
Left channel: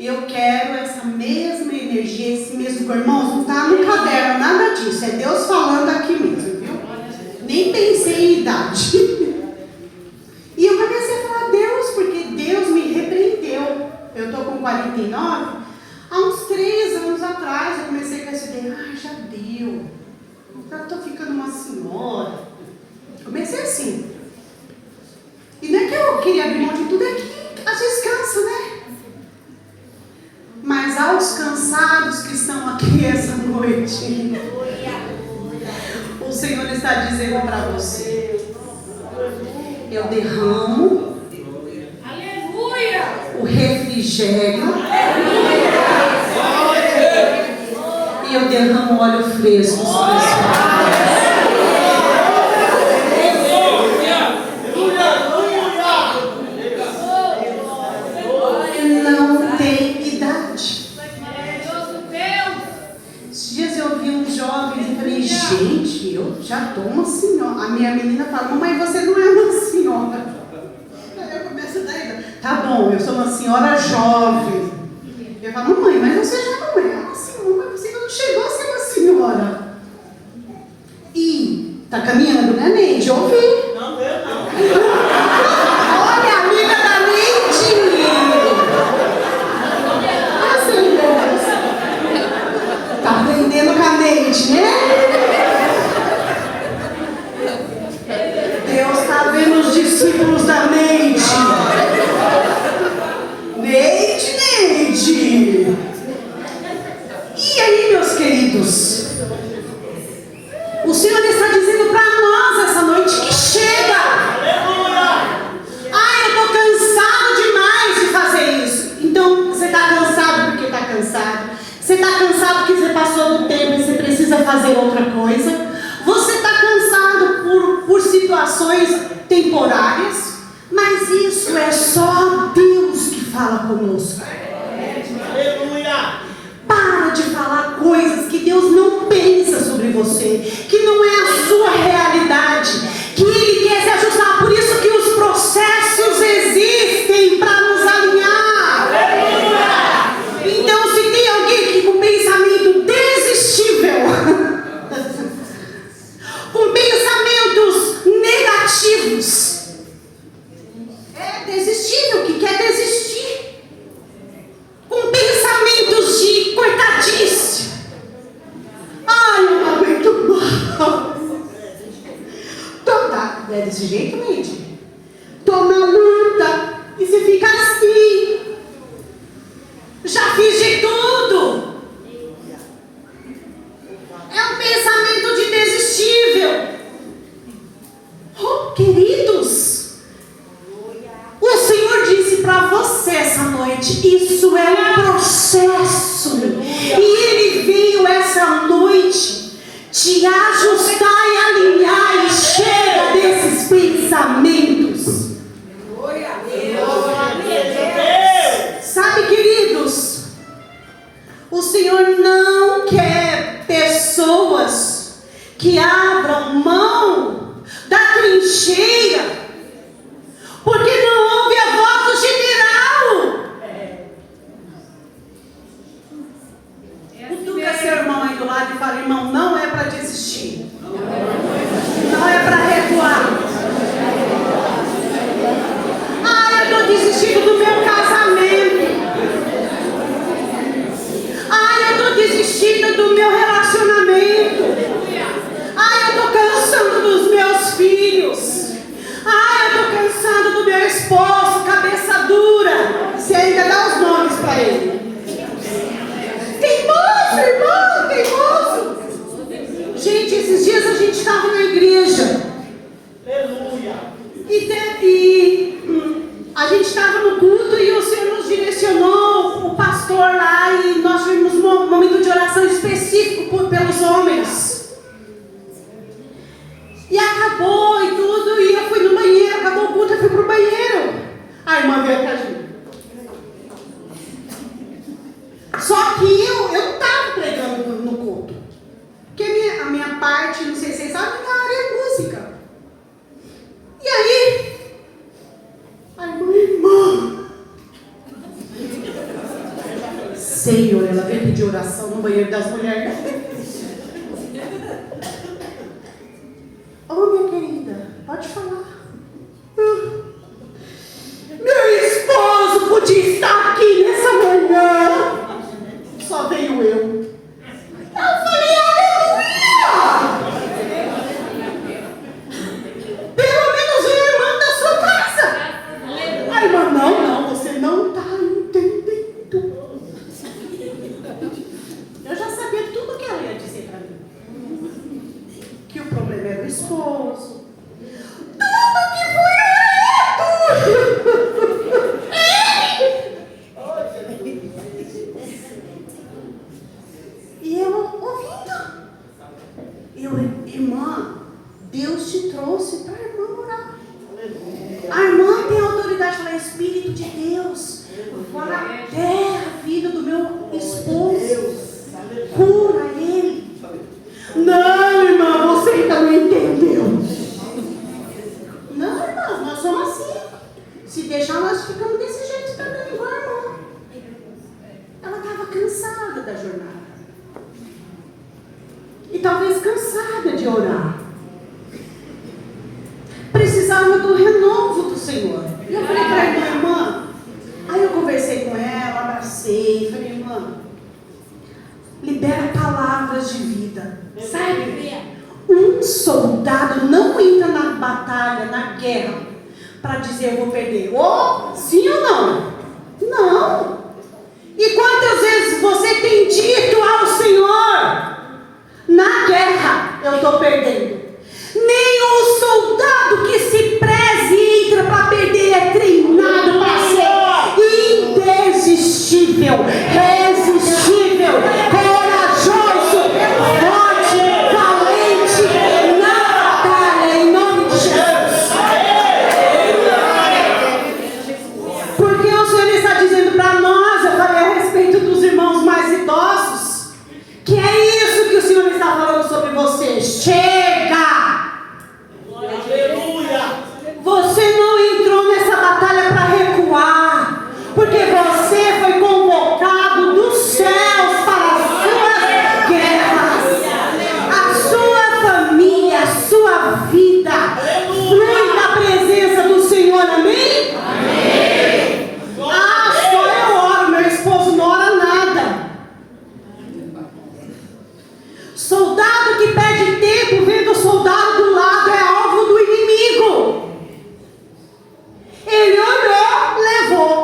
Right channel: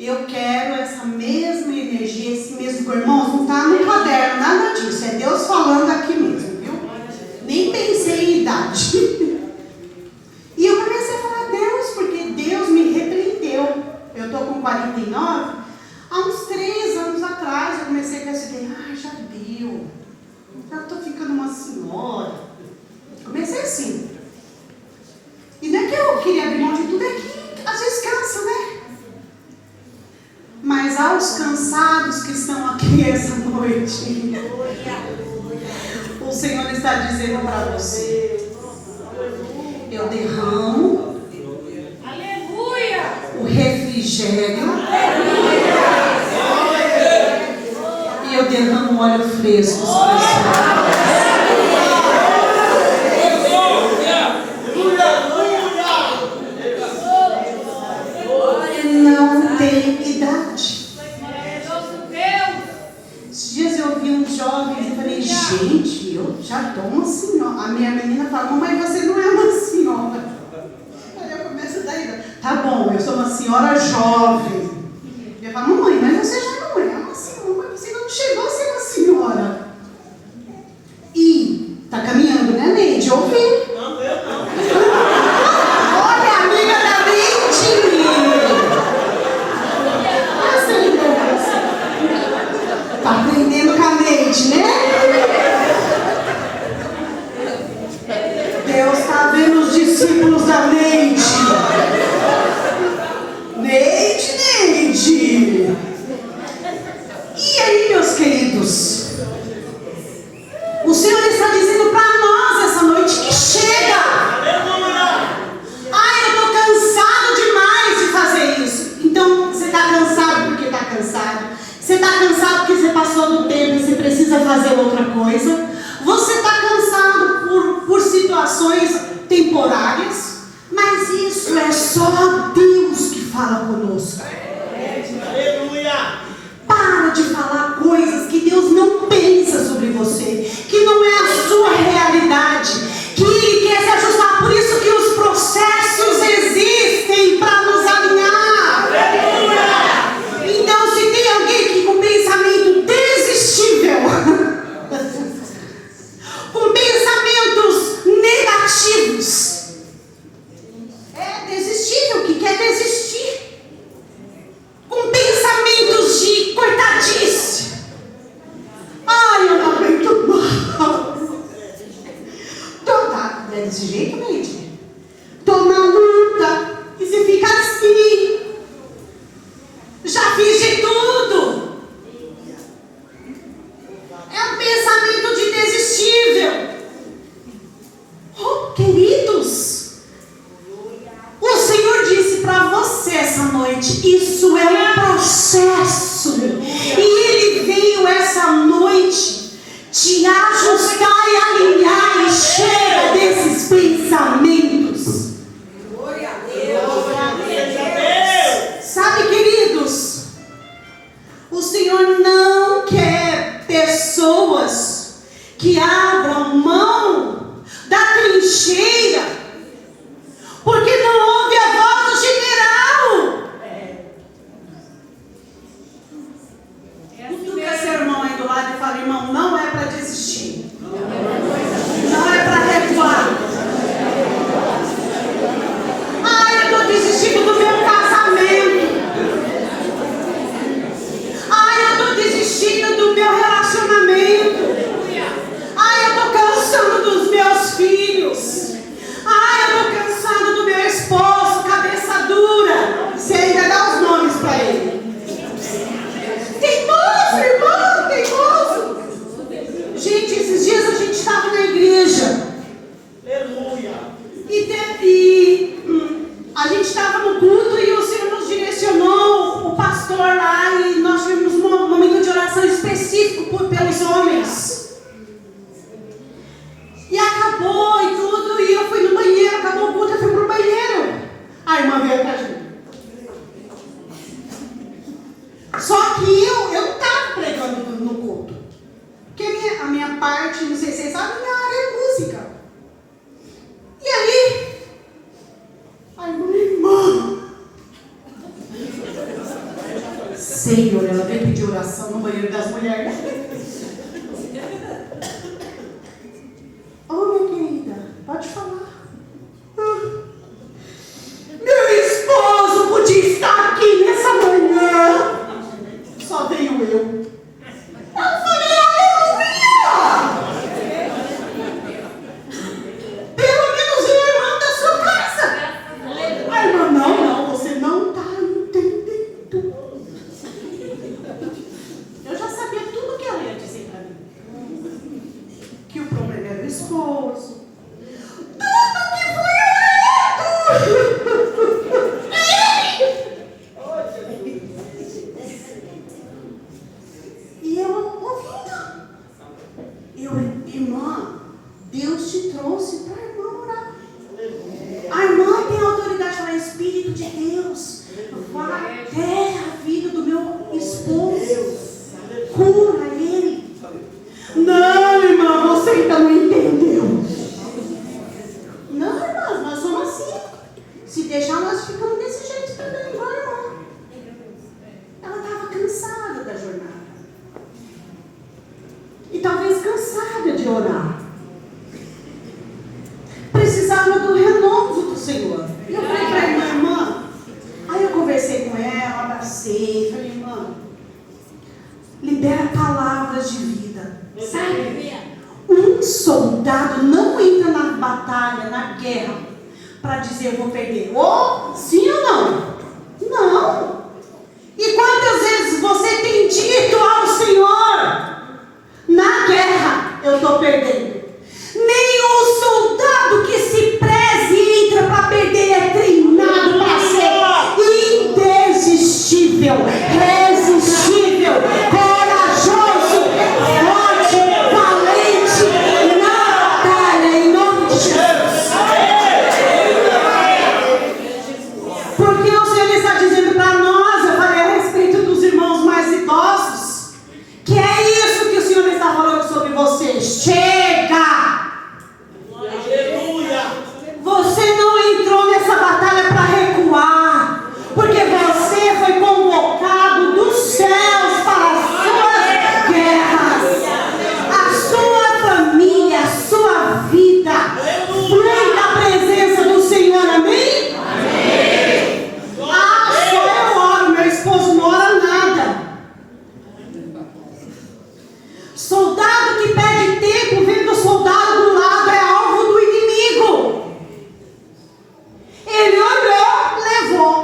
eu quero essa mesma energia, esse mesmo, irmãos, não está no caderno, nada disso, é Deus falando aqui mesmo, viu? Nem pensei em idade. E eu comecei a falar, Deus, porque Deus me repreendeu. Eu estou com 49, há uns 3 anos atrás eu comecei a perceber, já deu, eu estou ficando uma senhora. Comecei assim. E não é que eu queria abrir mão de tudo, é que às vezes cansa, né? Mas aos cansados que estão aqui essa noite, o Senhor está dizendo para você, eu derramo o refrigério e eu derramo óleo fresco sobre esse não tem idade. Esses dias eu vi uns jovens e falei, gente, eu já tô uma senhora. A minha menina fala, mãe, você não é uma senhora. Aí eu começo a dar ideia. Tá bom, eu sou uma senhora jovem. Eu falo, mamãe, mas você já não é uma senhora, você não chegou a ser uma senhora. E tá caminhando, né, Neide? Eu ouvi. Não, eu não. Olha, amiga da Neide. Tá aprendendo com a Neide, né? Deus está vendo os discípulos da Neide. Neide. E aí, meus queridos? O Senhor está dizendo para nós essa noite que chega. Eu estou cansado demais de fazer isso. Então, você está cansado porque está cansado. Você está cansado porque você passou do tempo e você precisa fazer outra coisa. Você está cansado por situações temporárias. Mas isso é só Deus que fala conosco. Aleluia. Para de falar coisas que Deus não pensa sobre você, que não é a sua realidade, que Ele quer se ajustar. Por isso que os processos existem para nos alinhar. Então, se tem alguém que com pensamento desistível, com pensamentos negativos, é desistível, que quer desistir, com pensamentos de coitadice. Eu não aguento mais. É desse jeito, gente. Tô na luta. E você fica assim. Já fiz de tudo. É um pensamento de desistível. Queridos, o Senhor disse para você essa noite, isso é um processo. E Ele veio essa noite te ajustar e alinhar. E chega desses pensamentos. Sabe, queridos, o Senhor não quer pessoas que abram mão da trincheira porque não ouve a voz do general. Cutuca seu irmão aí do lado e fala, irmão, não é para desistir. Não é para recuar. Eu estou desistindo do meu casamento. Eu estou desistindo do meu relacionamento. Eu estou cansando dos meus filhos. Eu estou cansando do meu esposo, cabeça dura. Você ainda dá os nomes para ele. Teimoso, irmão, teimoso. Gente, esses dias a gente estava na igreja. Aleluia. E a gente estava no culto e o Senhor nos direcionou, o pastor lá, e nós tivemos um momento de oração específico pelos homens. E acabou e tudo, e eu fui no banheiro, acabou o culto, eu fui pro banheiro. A irmã veio atrás de mim. Só que eu estava pregando no culto. Porque a minha parte, não sei se vocês sabem, minha área é música. E aí, a irmã Senhor, ela veio pedir oração no banheiro das mulheres. Ô, minha querida, pode falar. Meu esposo podia estar aqui nessa manhã. Só veio eu. Eu falei, aleluia! Pelo menos uma irmã da sua casa. A irmã, não, você não está entendendo. Eu já sabia tudo que ela ia dizer para mim. Que o problema era o esposo. Tudo que foi e eu ouvindo. Irmã, Deus te trouxe para a irmã orar. A irmã tem autoridade de falar, Espírito de Deus, fora a terra, a vida do meu esposo, cura ele. Não, irmã, você ainda não entendeu. Não, irmã, nós somos assim. Se deixar, nós ficamos desse jeito também, igual a irmã. Ela estava cansada da jornada. E talvez cansada de orar. Precisava do renovo do Senhor. E eu falei para a irmã, aí eu conversei com ela, abracei, falei, irmã, libera palavras de vida. Sabe? Um soldado não entra na batalha, na guerra, para dizer eu vou perder. Ou sim ou não? Não. E quantas vezes você tem dito ao Senhor, na guerra eu estou perdendo. Nenhum soldado que se preze e entra para perder é treinado para ser indesistível, resistível, corajoso, forte, valente na batalha, em nome de Jesus. Porque o Senhor está dizendo para nós, eu falei a respeito dos irmãos mais idosos, que é isso que o Senhor está falando sobre você. Chega! Você não entrou nessa batalha para recuar, porque você foi convocado dos céus para as suas guerras. A sua família, a sua vida flui da presença do Senhor, amém? Amém. Ah, só eu oro, meu esposo não ora nada. Soldado que perde tempo vendo o soldado do lado é alvo do inimigo. Ele olhou, levou.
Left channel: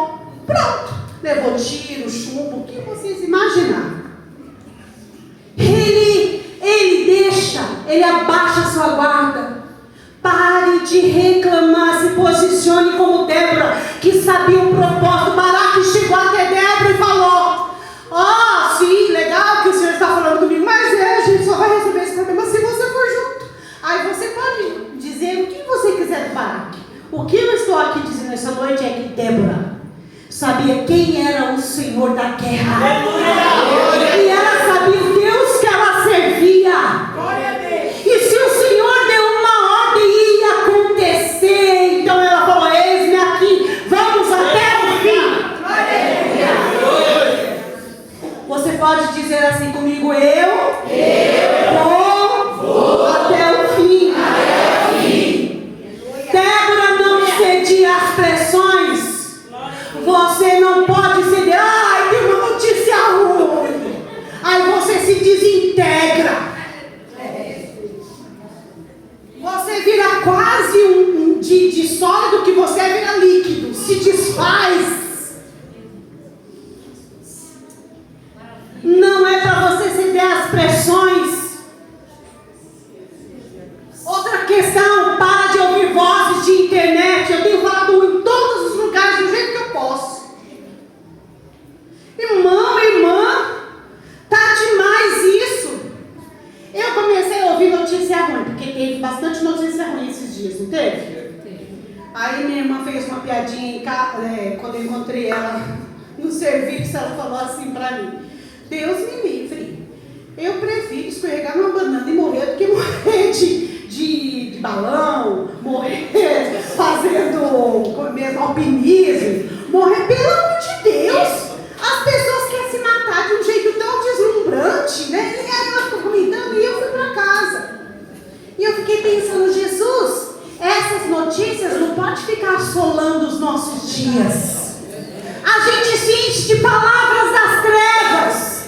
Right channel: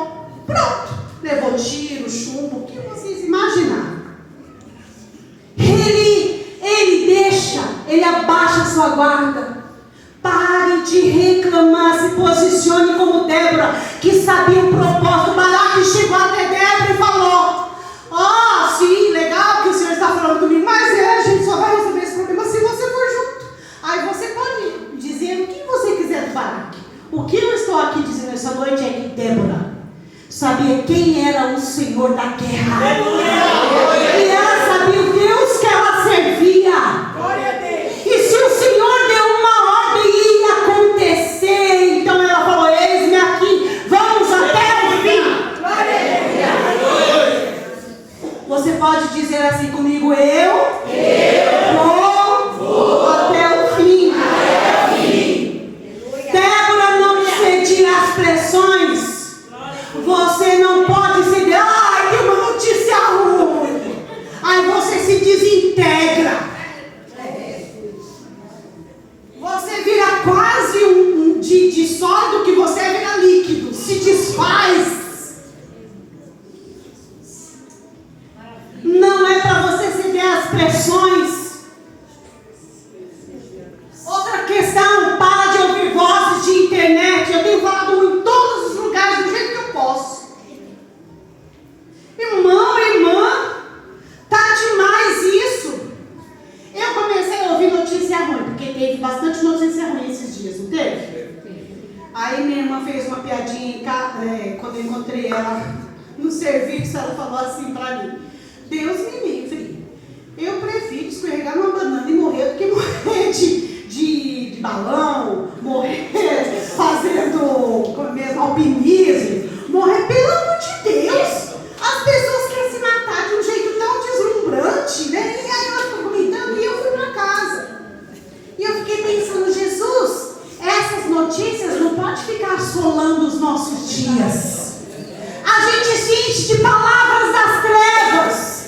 Pronto. Levou tiro, chumbo, o que vocês imaginaram. Ele deixa, ele abaixa a sua guarda. Pare de reclamar, se posicione como Débora, que sabia o propósito. Baraque chegou até Débora e falou, sim, legal que o Senhor está falando comigo, mas a gente só vai resolver esse problema se você for junto. Aí você pode dizer o que você quiser do Baraque. O que eu estou aqui dizendo essa noite é que Débora sabia quem era o Senhor da guerra. E ela sabia o Deus que ela servia. E se o Senhor deu uma ordem, ia acontecer. Então ela falou, eis-me aqui, vamos até o fim. Você pode dizer assim comigo, eu vou até o fim. Débora não cedia às pressões. Você não pode ceder. Ai, tem uma notícia ruim. Aí você se desintegra. Você vira quase de sólido que você vira líquido. Se desfaz. Não é para você ceder às pressões. Outra questão, para de ouvir vozes de internet. Eu tenho falado em todos os lugares do jeito que eu posso. Irmão, irmã, tá demais isso. Eu comecei a ouvir notícia ruim, porque teve bastante notícia ruim esses dias, não teve? Aí minha irmã fez uma piadinha em casa, quando eu encontrei ela no serviço, ela falou assim pra mim, Deus me livre, eu prefiro escorregar uma banana e morrer do que morrer de balão, morrer fazendo alpinismo, morrer pelo amor de Deus. As pessoas querem se matar abençoando os nossos dias. A gente se enche de palavras das trevas,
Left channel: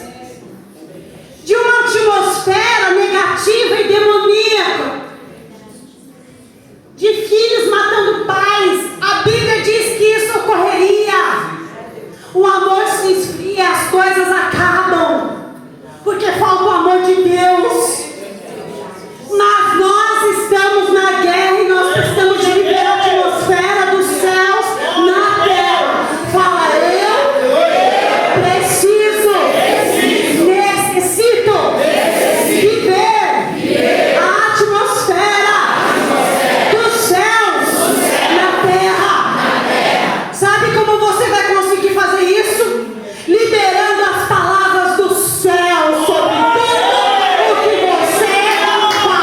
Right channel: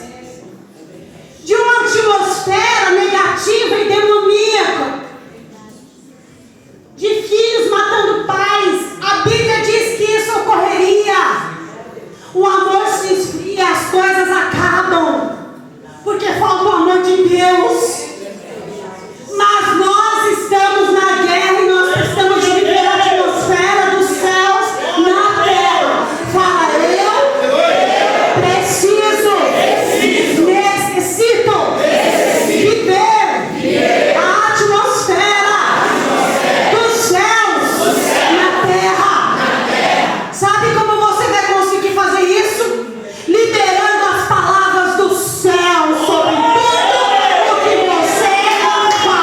de uma atmosfera negativa e demoníaca, de filhos matando pais. A Bíblia diz que isso ocorreria. O amor se esfria, as coisas acabam, porque falta o amor de Deus. Mas nós estamos na guerra e nós precisamos de viver a atmosfera dos céus na terra. Fala, eu preciso, necessito viver a atmosfera dos céus na terra. Sabe como você vai conseguir fazer isso? Liberando as palavras do céu sobre tudo o que você faz.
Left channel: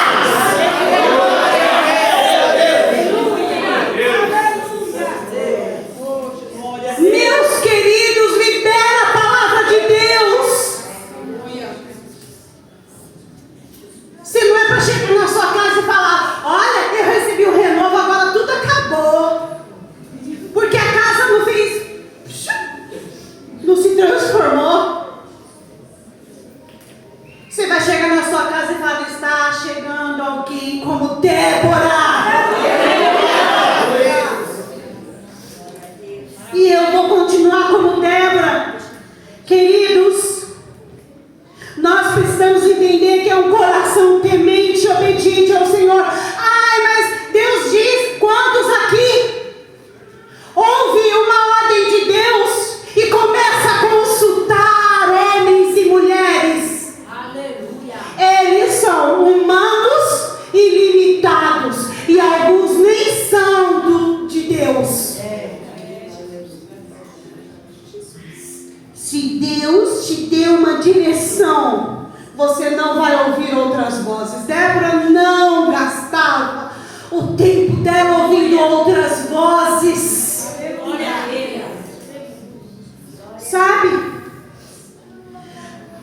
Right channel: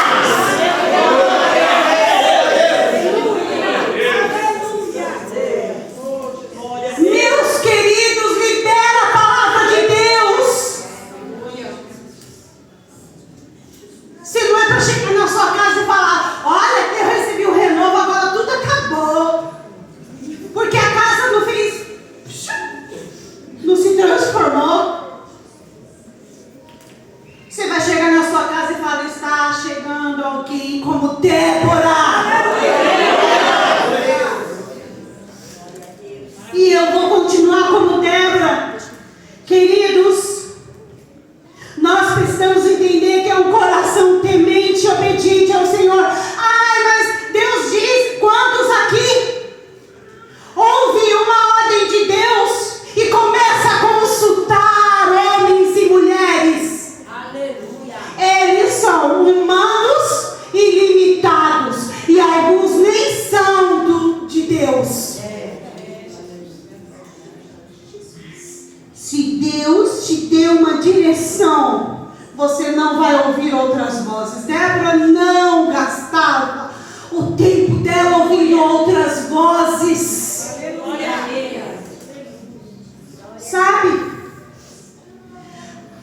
Meus queridos, libera a palavra de Deus. Se não é para chegar na sua casa e falar: olha, eu recebi o renovo, agora tudo acabou. Porque a casa não fez, não se transformou. Você vai chegar na sua casa e falar: está chegando alguém como Débora. E eu vou continuar como Débora. Queridos, nós precisamos entender que é um coração temente e obediente ao Senhor. Ai, mas Deus diz: quantos aqui ouve uma ordem de Deus e começa a consultar homens e mulheres? Aleluia. Eles são humanos e limitados, e alguns nem são de Deus. Se Deus te deu uma direção, você não vai ouvir outras vozes. Débora não gastava o tempo dela ouvindo outras vozes. Glória a Deus. Sabe?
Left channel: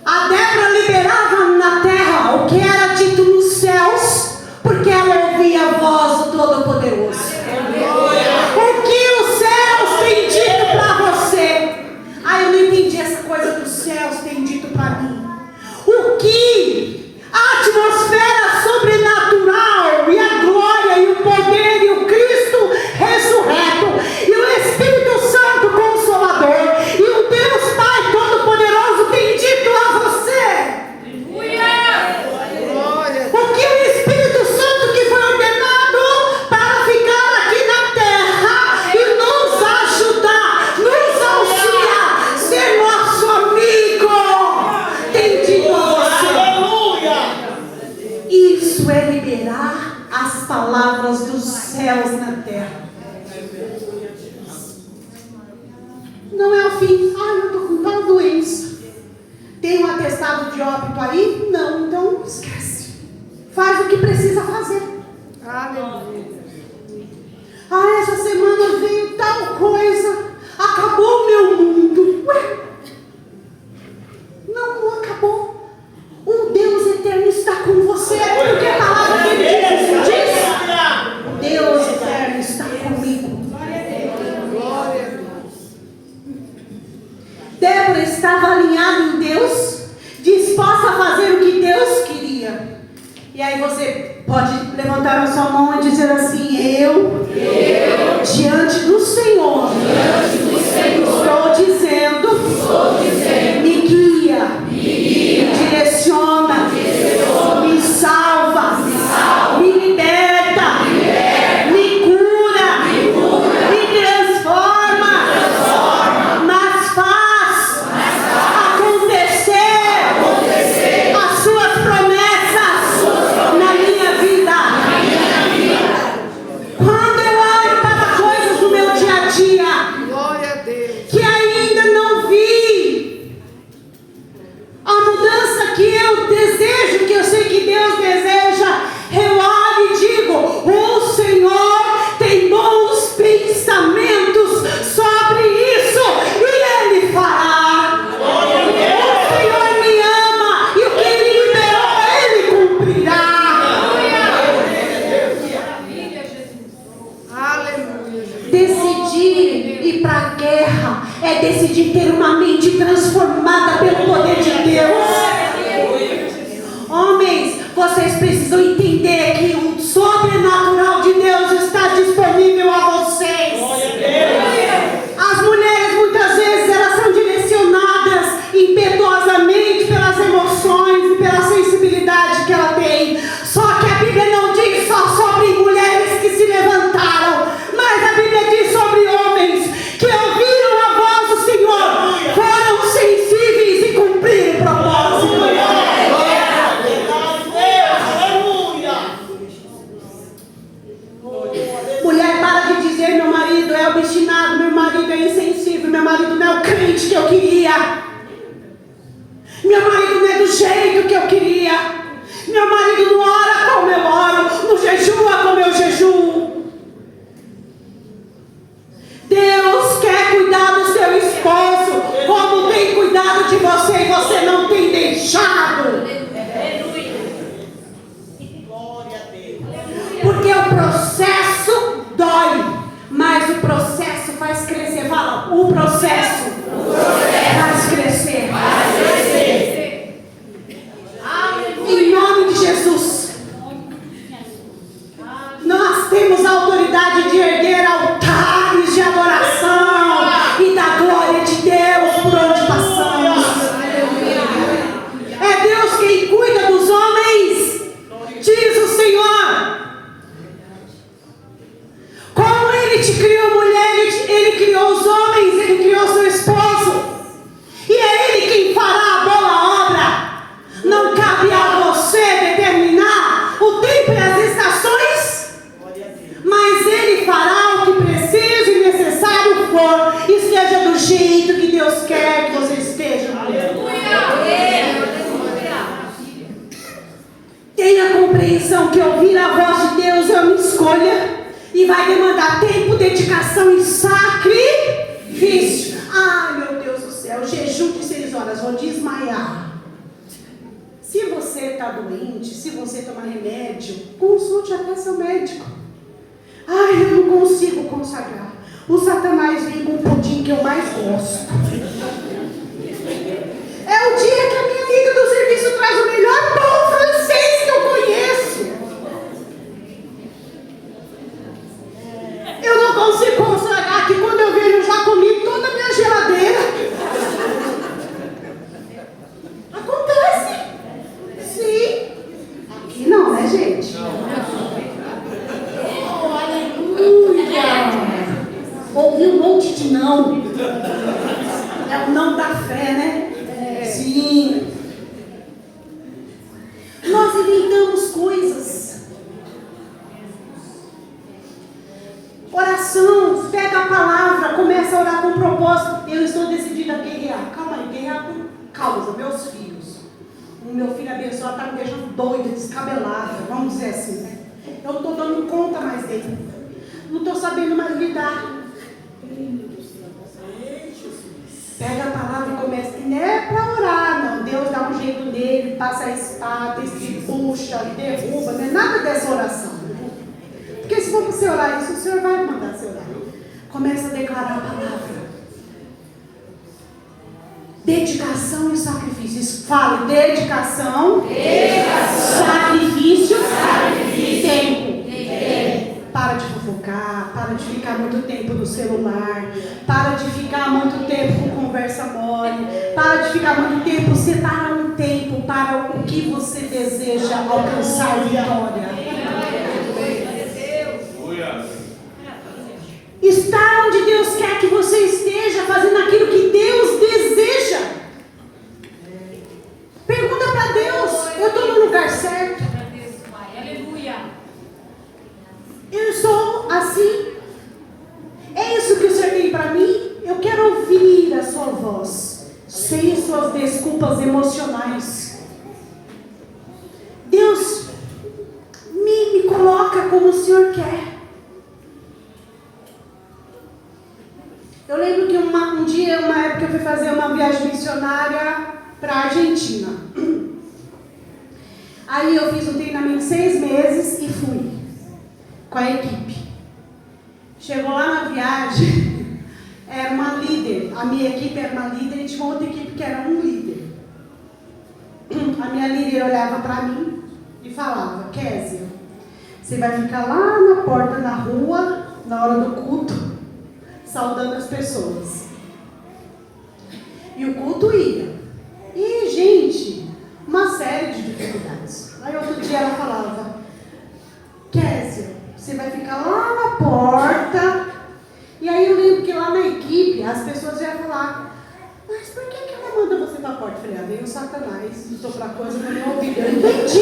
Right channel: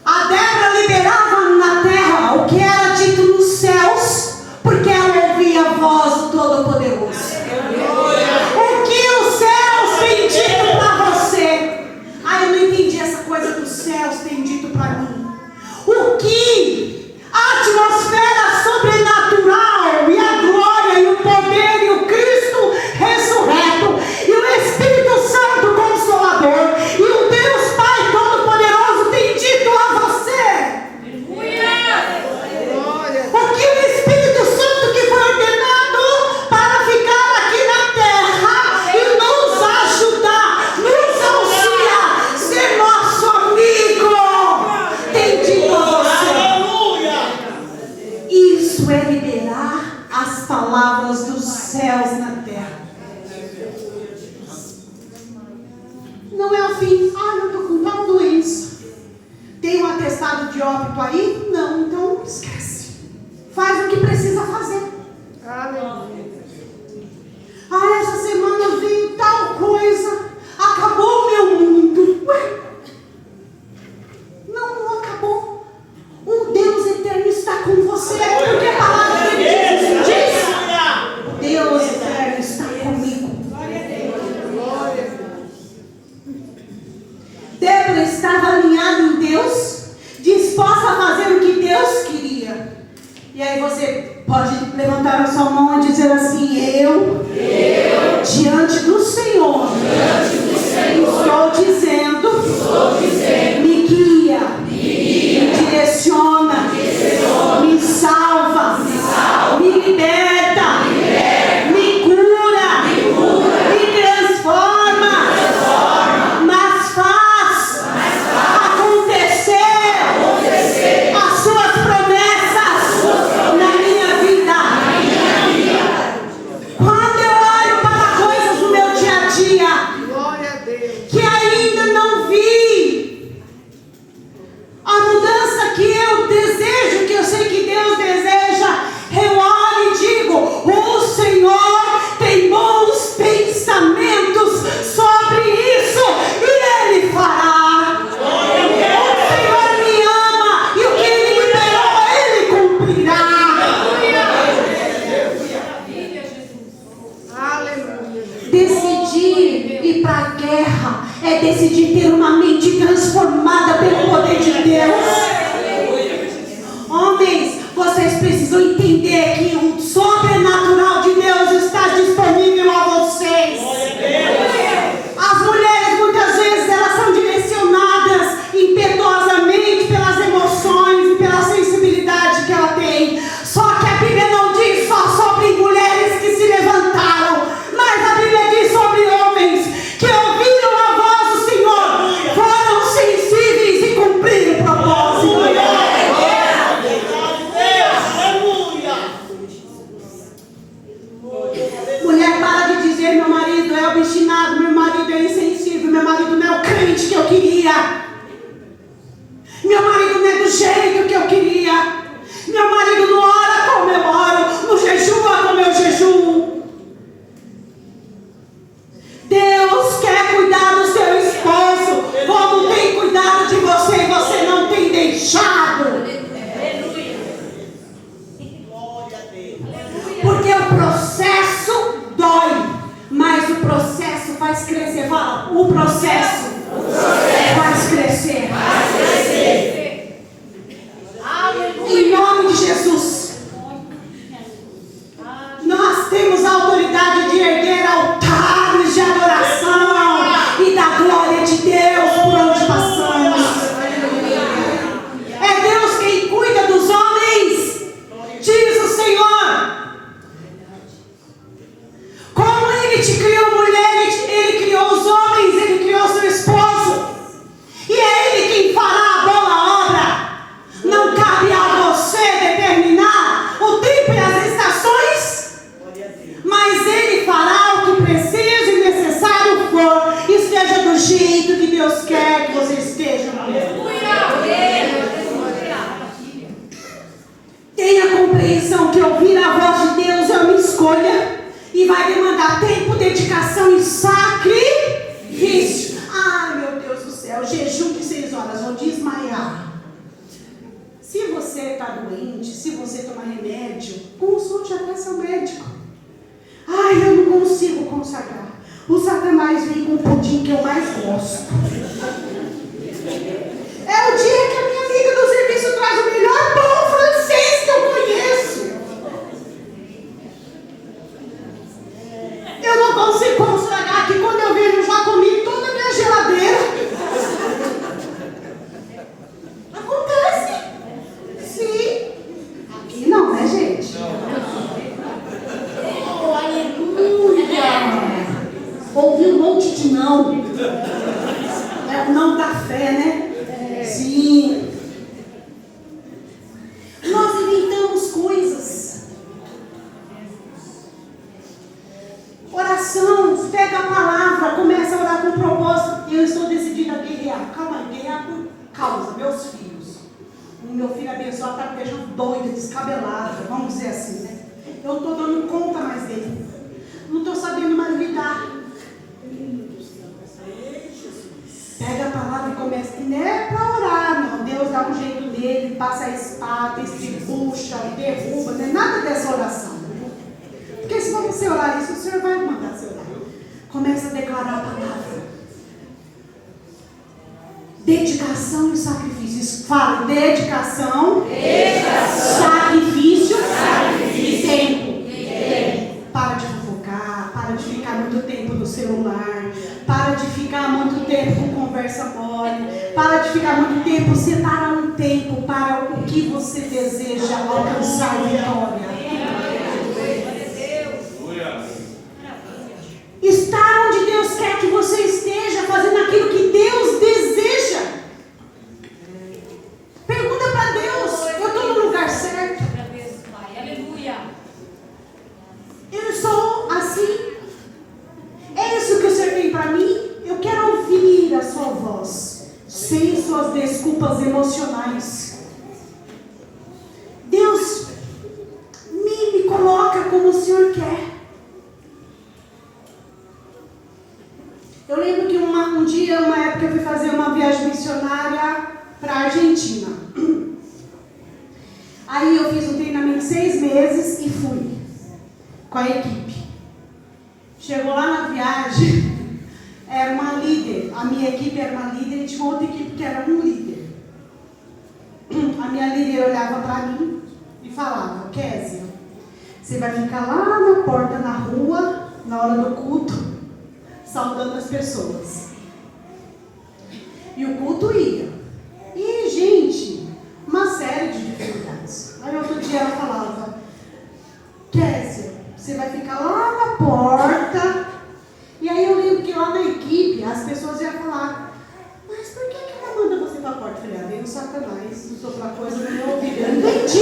A Débora liberava na terra o que era dito nos céus, porque ela ouvia a voz do Todo-Poderoso. O que os céus têm dito para você? Ah, eu não entendi essa coisa dos céus têm dito para mim. O que a atmosfera sobrenatural e a glória e o poder e o Cristo decidir ir para a guerra, é decidir ter uma mente transformada pelo poder de Deus. Homens, vocês precisam entender que o sobrenatural de Deus está disponível a vocês. As mulheres, muitas vezes, elas são direcionadas impetuosamente pelas emoções e pela sensibilidade que ela tem. Só que a Bíblia não diz só sobre mulheres que se levantaram, mas a Bíblia diz sobre homens que ouviram a voz do Senhor, foram sensíveis e cumpriram o propósito. Mulher, para de dizer: meu marido é obstinado, meu marido é insensível, meu marido não é o crente que eu queria, meu marido não é do jeito que eu queria, meu marido não ora como eu oro, não jejua como eu jejuo. Deus quer cuidar do seu esposo como tem cuidado de você e você não tem deixado. Porque o processo dói, mas o processo faz crescer. Fala, o processo faz crescer. Em nome de Jesus, nós temos a autoridade de erguer altares de adoração e da glória de Deus por onde passamos. É Deus quem cuida dos homens, diz o Senhor. Como Ele te criou, mulher, Ele criou os homens, Ele criou seu esposo, e é Ele quem fará a boa obra. Não cabe a você determinar o tempo e as estações, mas Ele fará o que preciso e necessário for. Esteja do jeito que Deus quer que você esteja. Tenha compreensão que ouvir a voz de Deus é uma escolha e vai demandar tempo, dedicação e sacrifício. Ai, meu Deus do céu, jejum de 6 horas, vou desmaiar. Se você está doente, se você toma remédio, consulte até seu médico. Ai, eu não consigo consagrar. O Satanás vem com o pudim que eu mais gosto. É o dia que a minha amiga do serviço traz o melhor pão francês que eu conheço. Eu não consigo consagrar, que quando eu vejo, eu já comi toda a minha geladeira. Acontece. Sim. Aqui não, né, gente? Oh, aleluia. Ouvi um monte de não. É o não da fé, né? Sim. Nós inventamos coisas. Oração, pega a palavra, começa a orar com propósito. Eu estou decidida a guerrear. Calma aí, guerrear por causa, meus filhos. O meu filho abençoado está me deixando doida, descabelada, vamos dizer assim, né? Eu não estou dando conta mais dele. Não estou sabendo mais lidar. Pega a palavra e começa. E não é para orar, não. Deus dá um jeito nele, passa a espada, estribucha, derruba, não é nada dessa oração. Né? Porque se você orar isso, o Senhor vai mandar você orar. Começa a declarar a palavra. Dedicação e sacrifício. Fala, dedicação. Sacrifício. E tempo. Para de fofocar, para de ficar muito tempo no celular, para de ficar muito tempo com conversa mole, para de ficar muito tempo, separa um tempo para o que você deseja alcançar vitória. Está onde Deus quer que você esteja, fazendo aquilo que Deus deseja. Pergunta para Deus: eu estou no lugar certo? Eu sou assim? É isso que o Senhor tem para mim? Eu quero ouvir a sua voz, sem suas desculpas emocionais. Deus me coloca como o Senhor quer. Eu lembro que um dia, uma época, eu fui fazer uma viagem missionária para a Argentina. Aí eu fiz um treinamento de 6 meses e fui com a equipe. Chegou lá na viagem, minha equipe era uma líder e tinha outra equipe que era um líder. A minha líder olhava para mim e falava: Kézia, você vai ficar lá na porta da rua, na hora do culto, saudando as pessoas. E o culto ia. E, gente, uma série de dificuldades. Aí outro dia ela falava: Kézia, você vai ficar lá na porta. E aí eu lembro que lá na equipe as pessoas iam falar: mas por que ela manda você para a porta? Eu falei: veio Satanás, soprar coisa no meu ouvido. Eu entendi.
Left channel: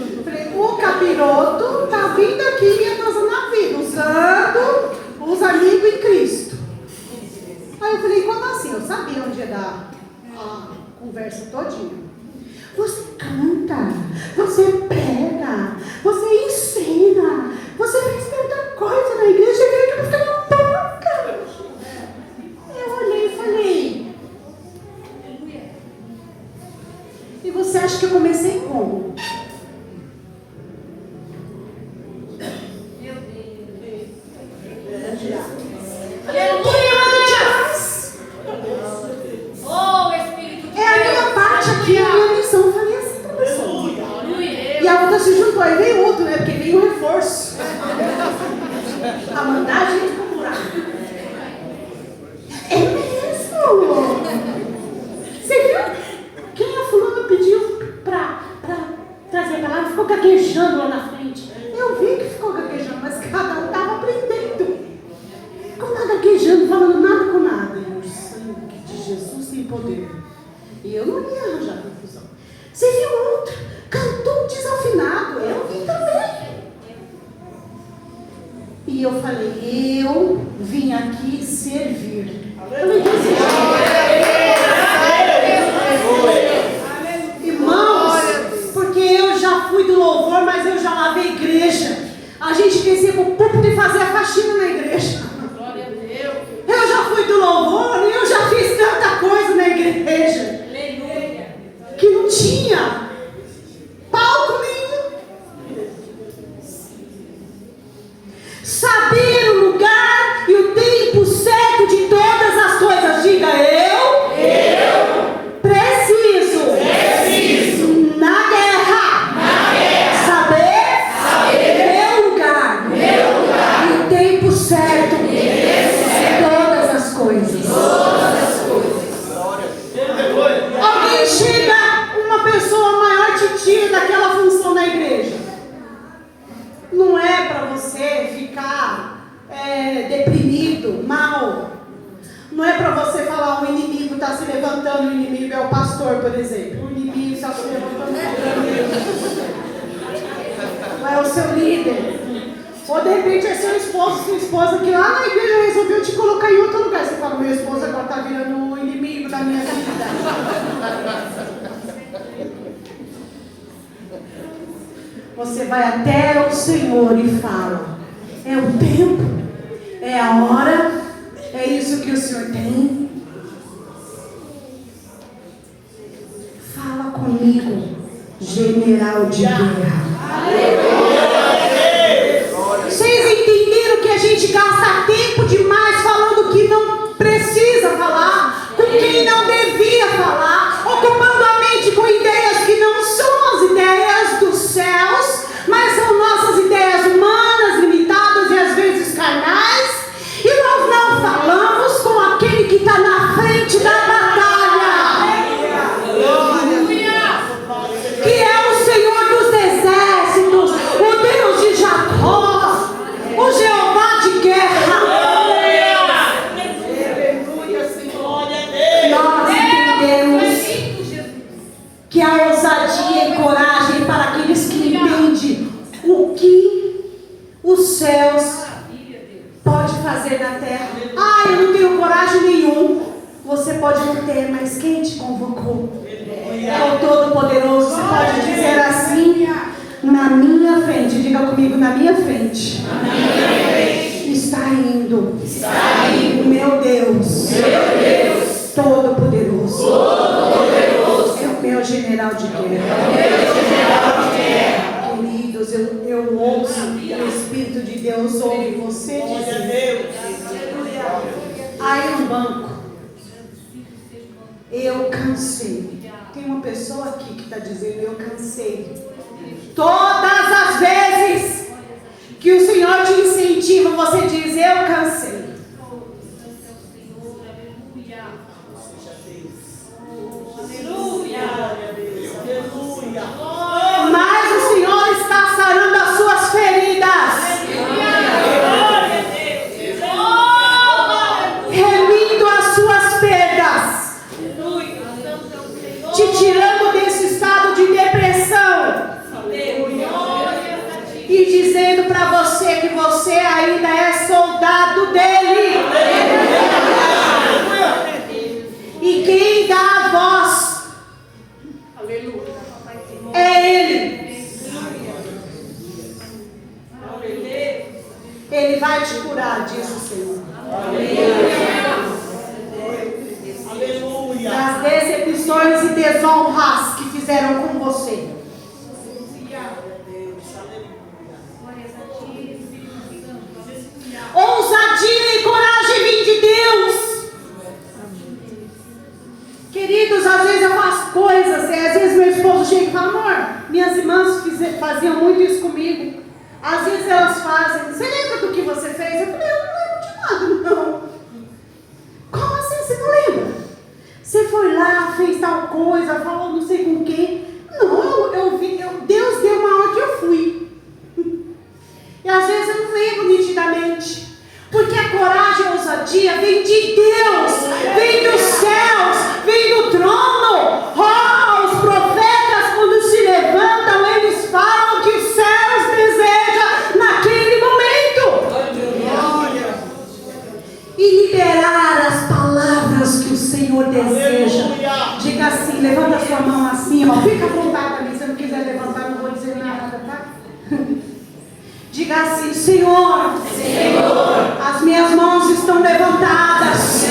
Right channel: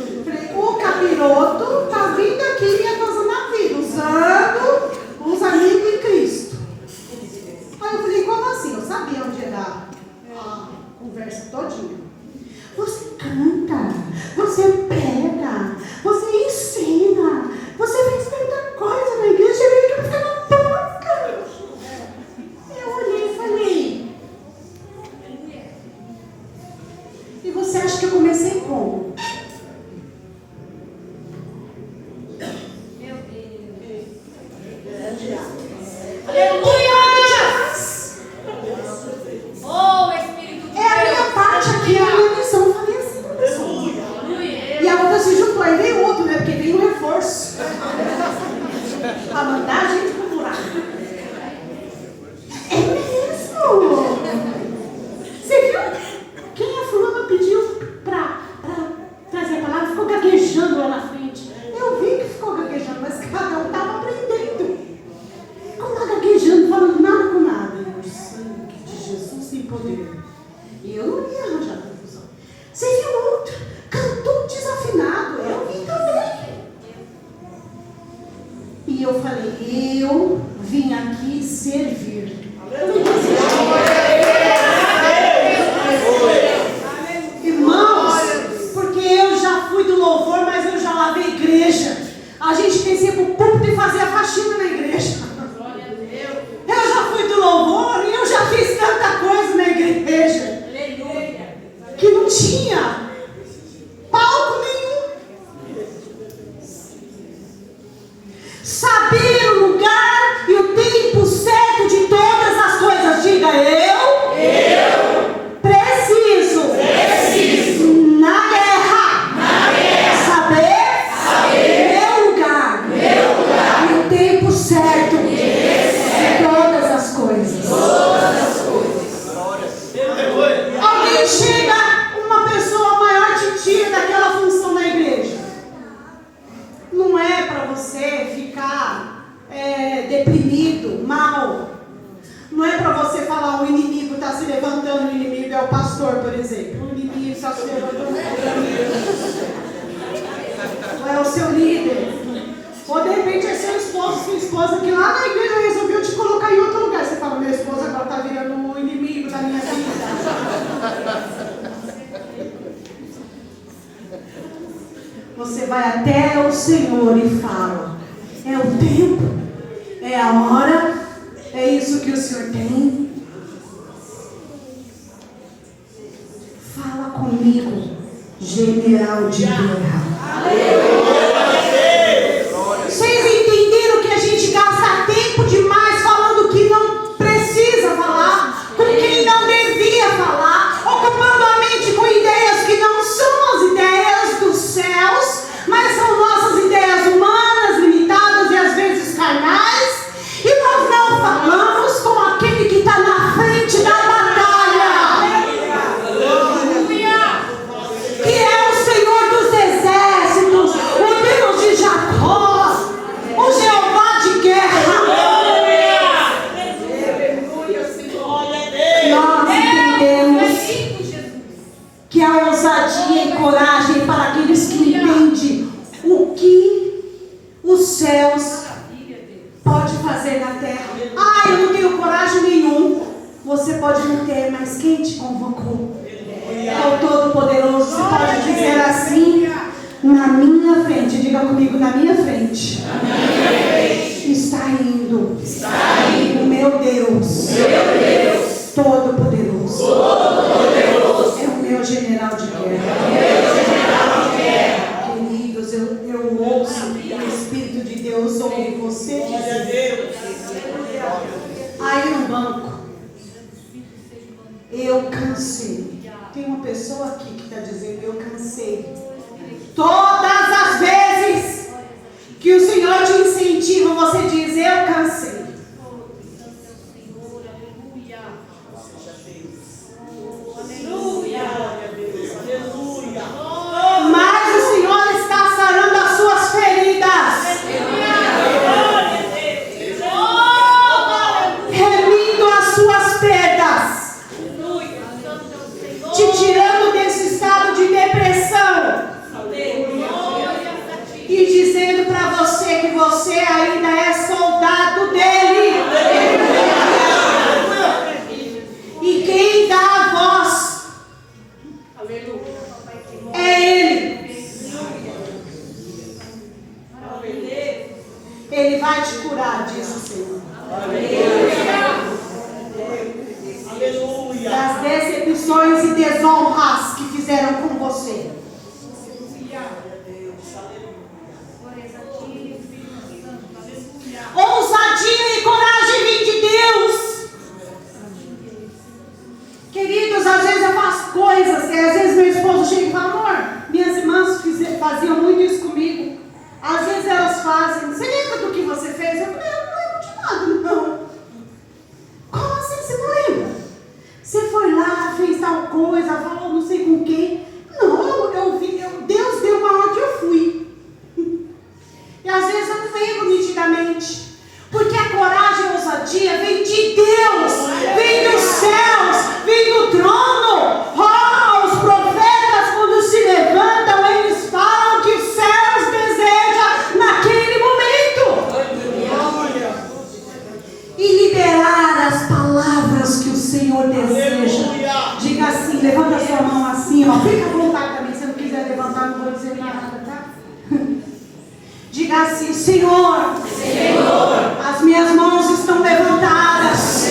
Eu falei: o capiroto está vindo aqui me atrasando na vida, usando os amigos em Cristo. Aí eu falei: como assim? Eu sabia onde ia dar a conversa todinha. Você canta, você prega, você ensina, você fez tanta coisa na igreja, eu veio aqui para ficar na porta. Eu olhei e falei: e você acha que eu comecei como? Meu Deus. Aleluia! Oh, Espírito de Deus. É a minha parte aqui, a minha missão. Eu falei assim para você. Aleluia. E a outra se juntou, aí veio outro, né? Porque veio um reforço. A mandar a gente procurar. É mesmo? Você viu? Quem a fulana pediu para trazer a palavra ficou gaguejando lá na frente. Eu vi que ficou gaguejando, mas cada um estava aprendendo. Como está gaguejando, falando nada com nada. E o sangue de Jesus tem poder. E eu não ia arranjar confusão. Você viu outro? Cantou desafinado. Eu vi também. E eu falei: eu vim aqui servir. Irmãos, porque eu já fui do louvor, mas eu já lavei igreja. A gente descia com o púlpito e fazia faxina na igreja. Eu já fui do louvor e eu já fiz tanta coisa na igreja que não tinha palco nenhum. Saber o lugar e o tempo certo de todas as coisas. Diga: eu preciso na guerra saber meu lugar e o tempo certo de todas as coisas. Alguém chega, uma pessoa maior te tira daquela função na igreja. Não é para você ficar deprimido, mal. Não é para você falar: o inimigo está se levantando. O inimigo é o pastor, por exemplo. O inimigo está se levantando. Ou é o seu líder. Ou de repente é seu esposo, sua esposa, que lá na igreja resolveu te colocar em outro lugar. Você fala: meu esposo agora está virando um inimigo da minha vida. Você vai até o Senhor e fala: é o tempo, é a hora, é isso que o Senhor tem. Fala comigo, general de guerra. Vocês entenderam que a gente gasta tempo demais falando que não precisa falar, com quem não devia falar, ocupando a mente com ideias que não são as ideias dos céus, mas são nossas ideias humanas, limitadas e às vezes carnais, e nós não falamos com aquele que está na frente da batalha. Que é o Senhor dos exércitos, o Deus de Jacó, o Jeová de guerra. Nós entendemos que a ousadia e coragem para aqueles que entendem o que os céus pode fazer na terra. Ah, eu não tenho coragem nenhum. Você pode não ter, mas quem te convocou? É o Todo-Poderoso. Você pode dizer assim: na minha frente, diga comigo, na minha frente, está indo o meu Deus, Todo-Poderoso. É o meu general de guerra. Queridos, eu ouço, o Espírito de Deus ouve você dizer: cansei. Tem uma pessoa aqui que está dizendo: eu cansei. Todas as vezes que o Senhor te incentiva, você diz: eu cansei. Mas o Senhor está sarando as suas feridas, remindo as suas perdas, te tirando desse estado de depressão e dizendo para você que você ainda é soldado dele. E quem dá a voz é Ele. Ele vai te curar, diz o Senhor. Aleluia. Das decepções e desonras que fizeram com você. Ousadia e coragem vem de Deus. Queridos, às vezes eu faço coisas, às vezes meu esposo chega e fala: amor, minhas irmãs faziam muito isso comigo. Às vezes elas fazem: você lembra do que você fez? Eu falei: eu não lembro de nada, não. Como assim você não lembra? Você foi lá, fez tal coisa, falou não sei com quem. Não, eu vi, Deus deu uma hora que eu fui. E às vezes eu não lembro nitidamente. Porque a coragem e a ousadia vem de Deus, vem dos céus, vem do trono. Oh, os profetas, quando se levantam, eles falam que os céus desejam naquele momento. E liberar as palavras que o Senhor deseja. Diga assim, levanta a sua mão assim, ó. Fica à vontade também, se não quiser levantar, não vou dizer nada, tá? Diga assim: Senhor, as minhas mãos estão levantadas,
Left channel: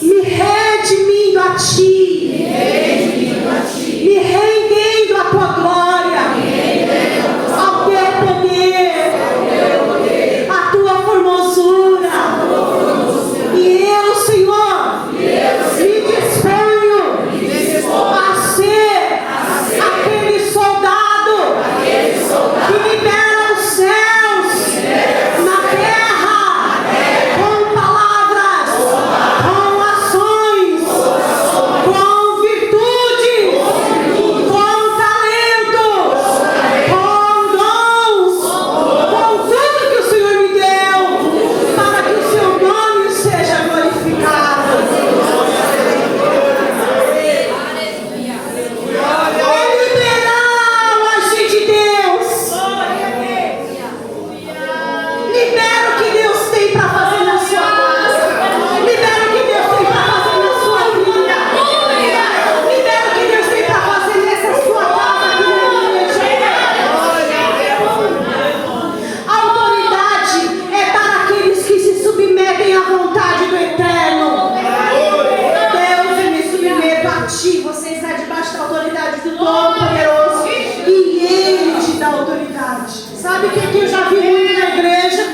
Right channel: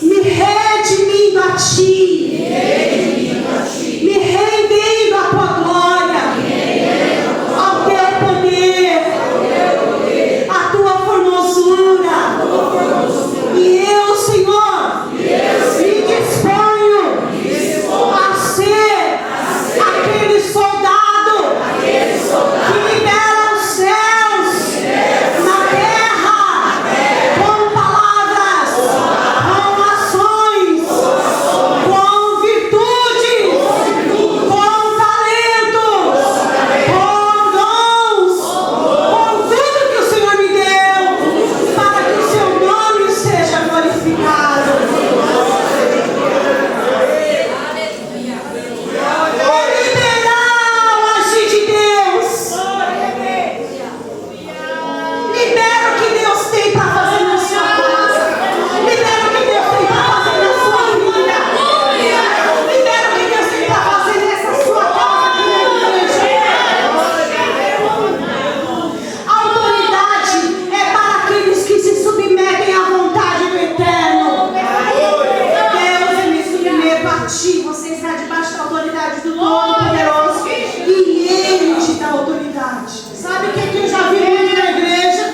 me redimindo a Ti, me rendendo à Tua glória, ao Teu poder, à Tua formosura. E eu, Senhor, me disponho a ser aquele soldado que libera os céus na terra, com palavras, com ações, com virtudes, com talentos, com dons, com tudo que o Senhor me deu, para que o Seu nome seja glorificado. É liberar o agir de Deus. Libera o que Deus tem para fazer na sua casa. Libera o que Deus tem para fazer na sua vida. Libera o que Deus tem para fazer nessa sua casa. A autoridade é para aqueles que se submetem à vontade do Eterno. Deus, eu me submeto a Ti. Você está debaixo da autoridade do Todo-Poderoso. E Ele te dá autoridade. Sabe o que eu já vi muito na igreja?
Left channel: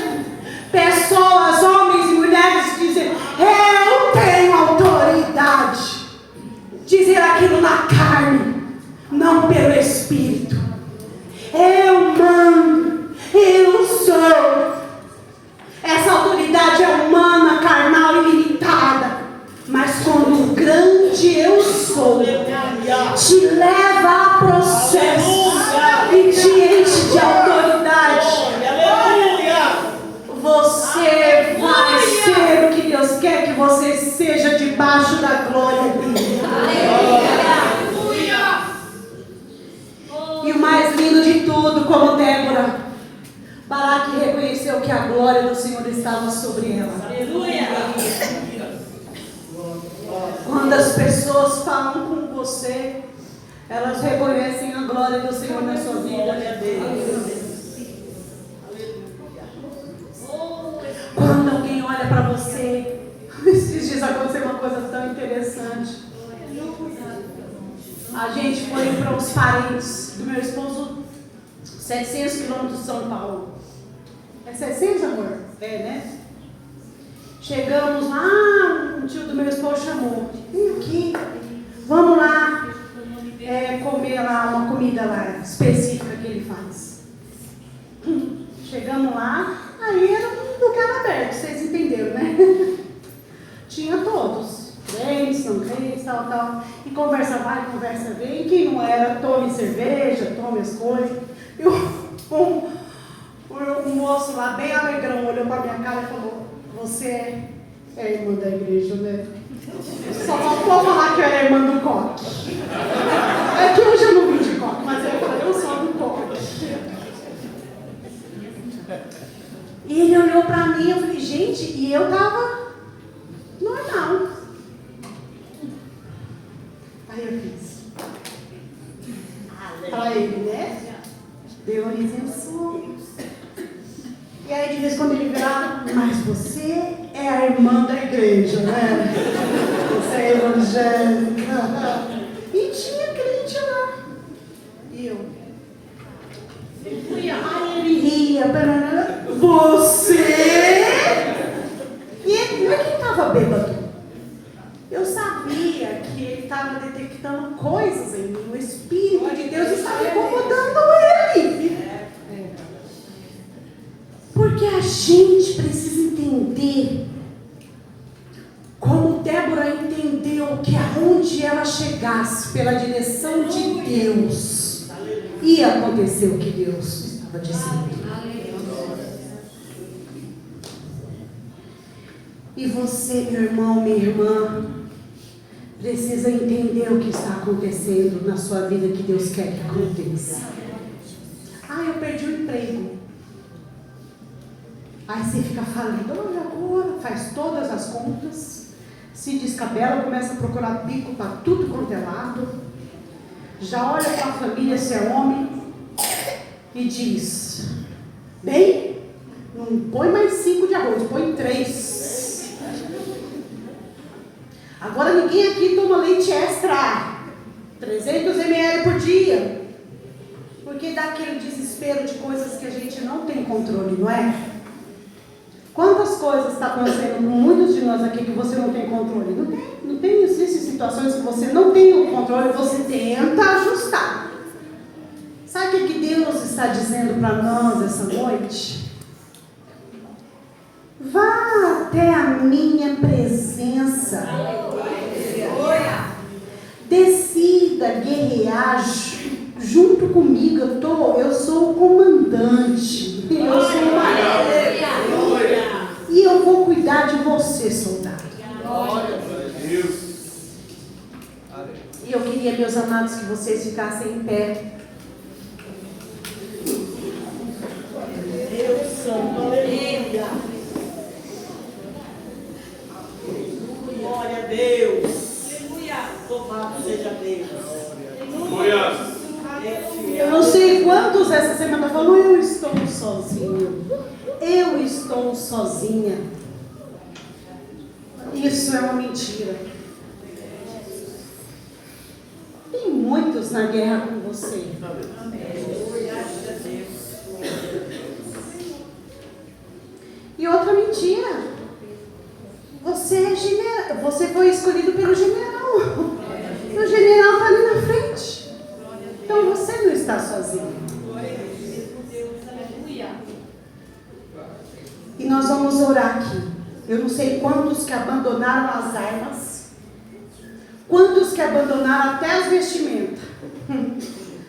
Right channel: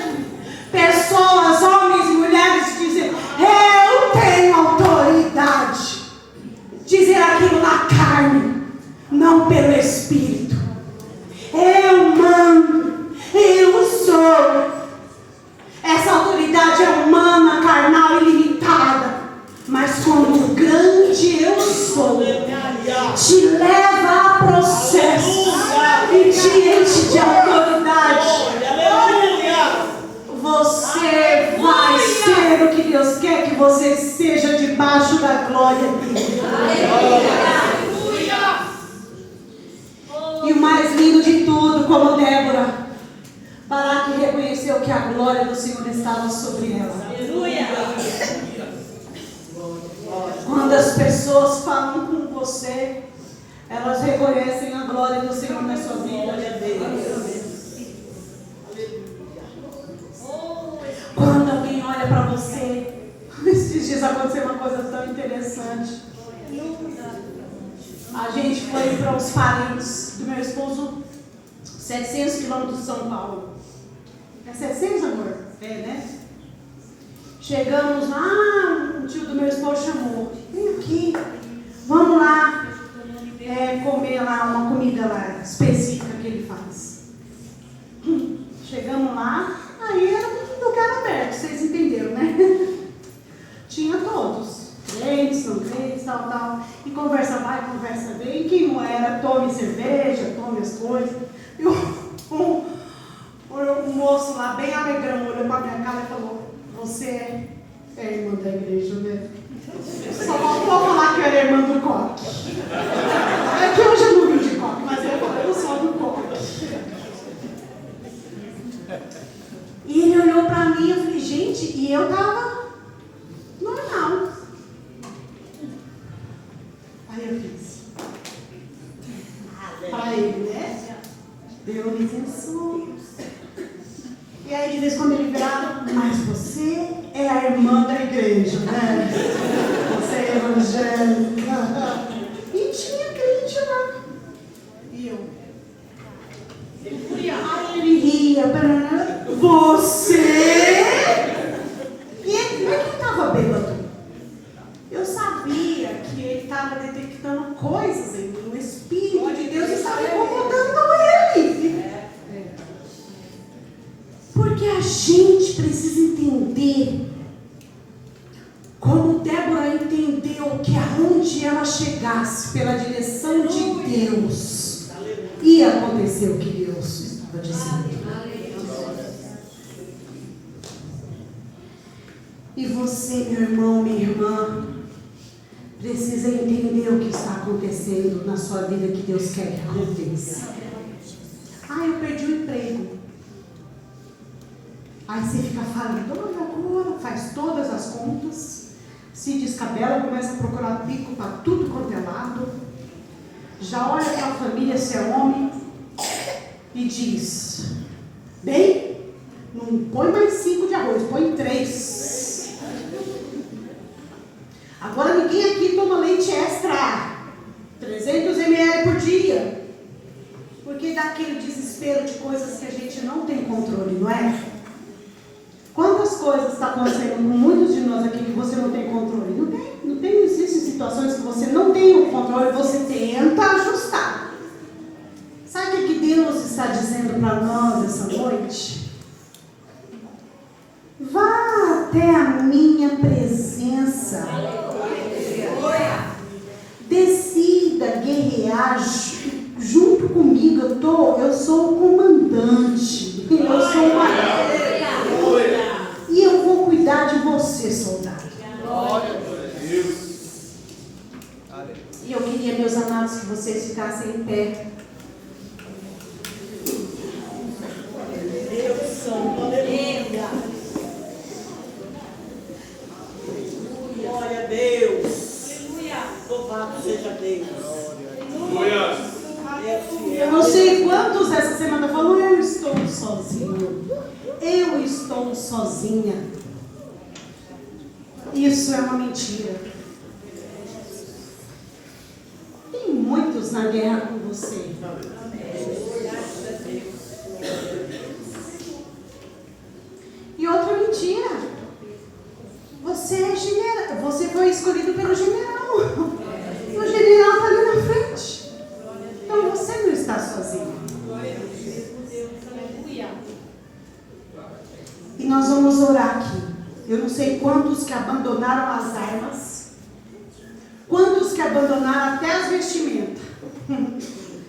Pessoas, homens e mulheres dizem: eu tenho autoridade. Dizer aquilo na carne, não pelo Espírito. Eu mando, eu sou. Essa autoridade é humana, carnal e limitada. Mas quando o grande eu sou te leva a processo e te enche de autoridade, você vai ser o que Deus quer que você seja debaixo da glória dele. E o mais lindo de tudo, como Débora, Baraque reconheceu que a glória do Senhor estava sobre ela. Quando as pessoas falam com você, elas reconhecem a glória do Senhor na sua vida. Quando alguém olha para você, esses dias aconteceu uma coisa tão interessante. A gente foi para os parentes do meu esposo, 700 quilômetros de São Paulo. É 700, amor? É, né? Chegamos lá, tio do meu esposo chamou. Vem aqui, vamos lá comer lá uma comida lá específica que ele faz. Chegamos lá, aí era um lugar aberto, vocês entenderam, né? Tinha todos, crentes, não crentes, tal. E conversa vai, conversa vem. Quem não era, tome cerveja, tome as coisas. E um moço lá, bem alegrão, olhou para minha cara e falou: você é irmã da igreja, né? Só vou falar que eu era irmã do coque. É que hoje eu não vim de coque, mas eu falei: eu sou do coque. E ele olhou para mim e eu falei: gente, e eu tava normal. Aí eu fiz para ele, né? Deu uma isenção. E aí, de vez em quando ele virava: mas você é a irmã da igreja, né? Você é evangélica. E tinha crente lá. E eu. Aí ele ria. Você? E ele não é que estava bêbado. Eu sabia que ele estava detectando coisas em mim. O Espírito de Deus estava incomodando ele. Porque a gente precisa entender como Débora entendeu que aonde ela chegasse pela direção de Deus, ia acontecer o que Deus estava dizendo. E você, meu irmão, minha irmã, precisa entender o que está acontecendo na sua vida que Deus quer que aconteça. Eu perdi o emprego. Aí você fica falando: olha agora, faz todas as contas, se descabela, começa a procurar bico para tudo quanto é lado, já olha para a família, se é homem, e diz: bem, não põe mais 5 de arroz, põe 3. Agora ninguém aqui toma leite extra, 300 ml por dia, porque dá aquele desespero de coisas que a gente não tem controle, não é? Quantas coisas estão acontecendo com muitos de nós aqui que você não tem controle? Não tem existem situações que você não tem o controle, você tenta ajustar. Sabe o que Deus está dizendo para nós essa noite? Vá até a minha presença. Decida guerrear junto comigo. Eu sou o comandante. Eu sou o marido. E eu vou cuidar de você, soldado. E eu queria, meus amados, que vocês ficassem em pé. Deus Santo, aleluia. Glória a Deus. Aleluia. Louvado seja Deus. Eu não sei quantos essa semana falam: eu estou sozinho. Eu estou sozinha. Isso é uma mentira. Tem muitos na guerra com você. E outra mentira: você é general, você foi escolhido pelo general. E o general está ali na frente. Então você não está sozinho. E nós vamos orar aqui. Eu não sei quantos que abandonaram as armas, quantos que abandonaram até as vestimentas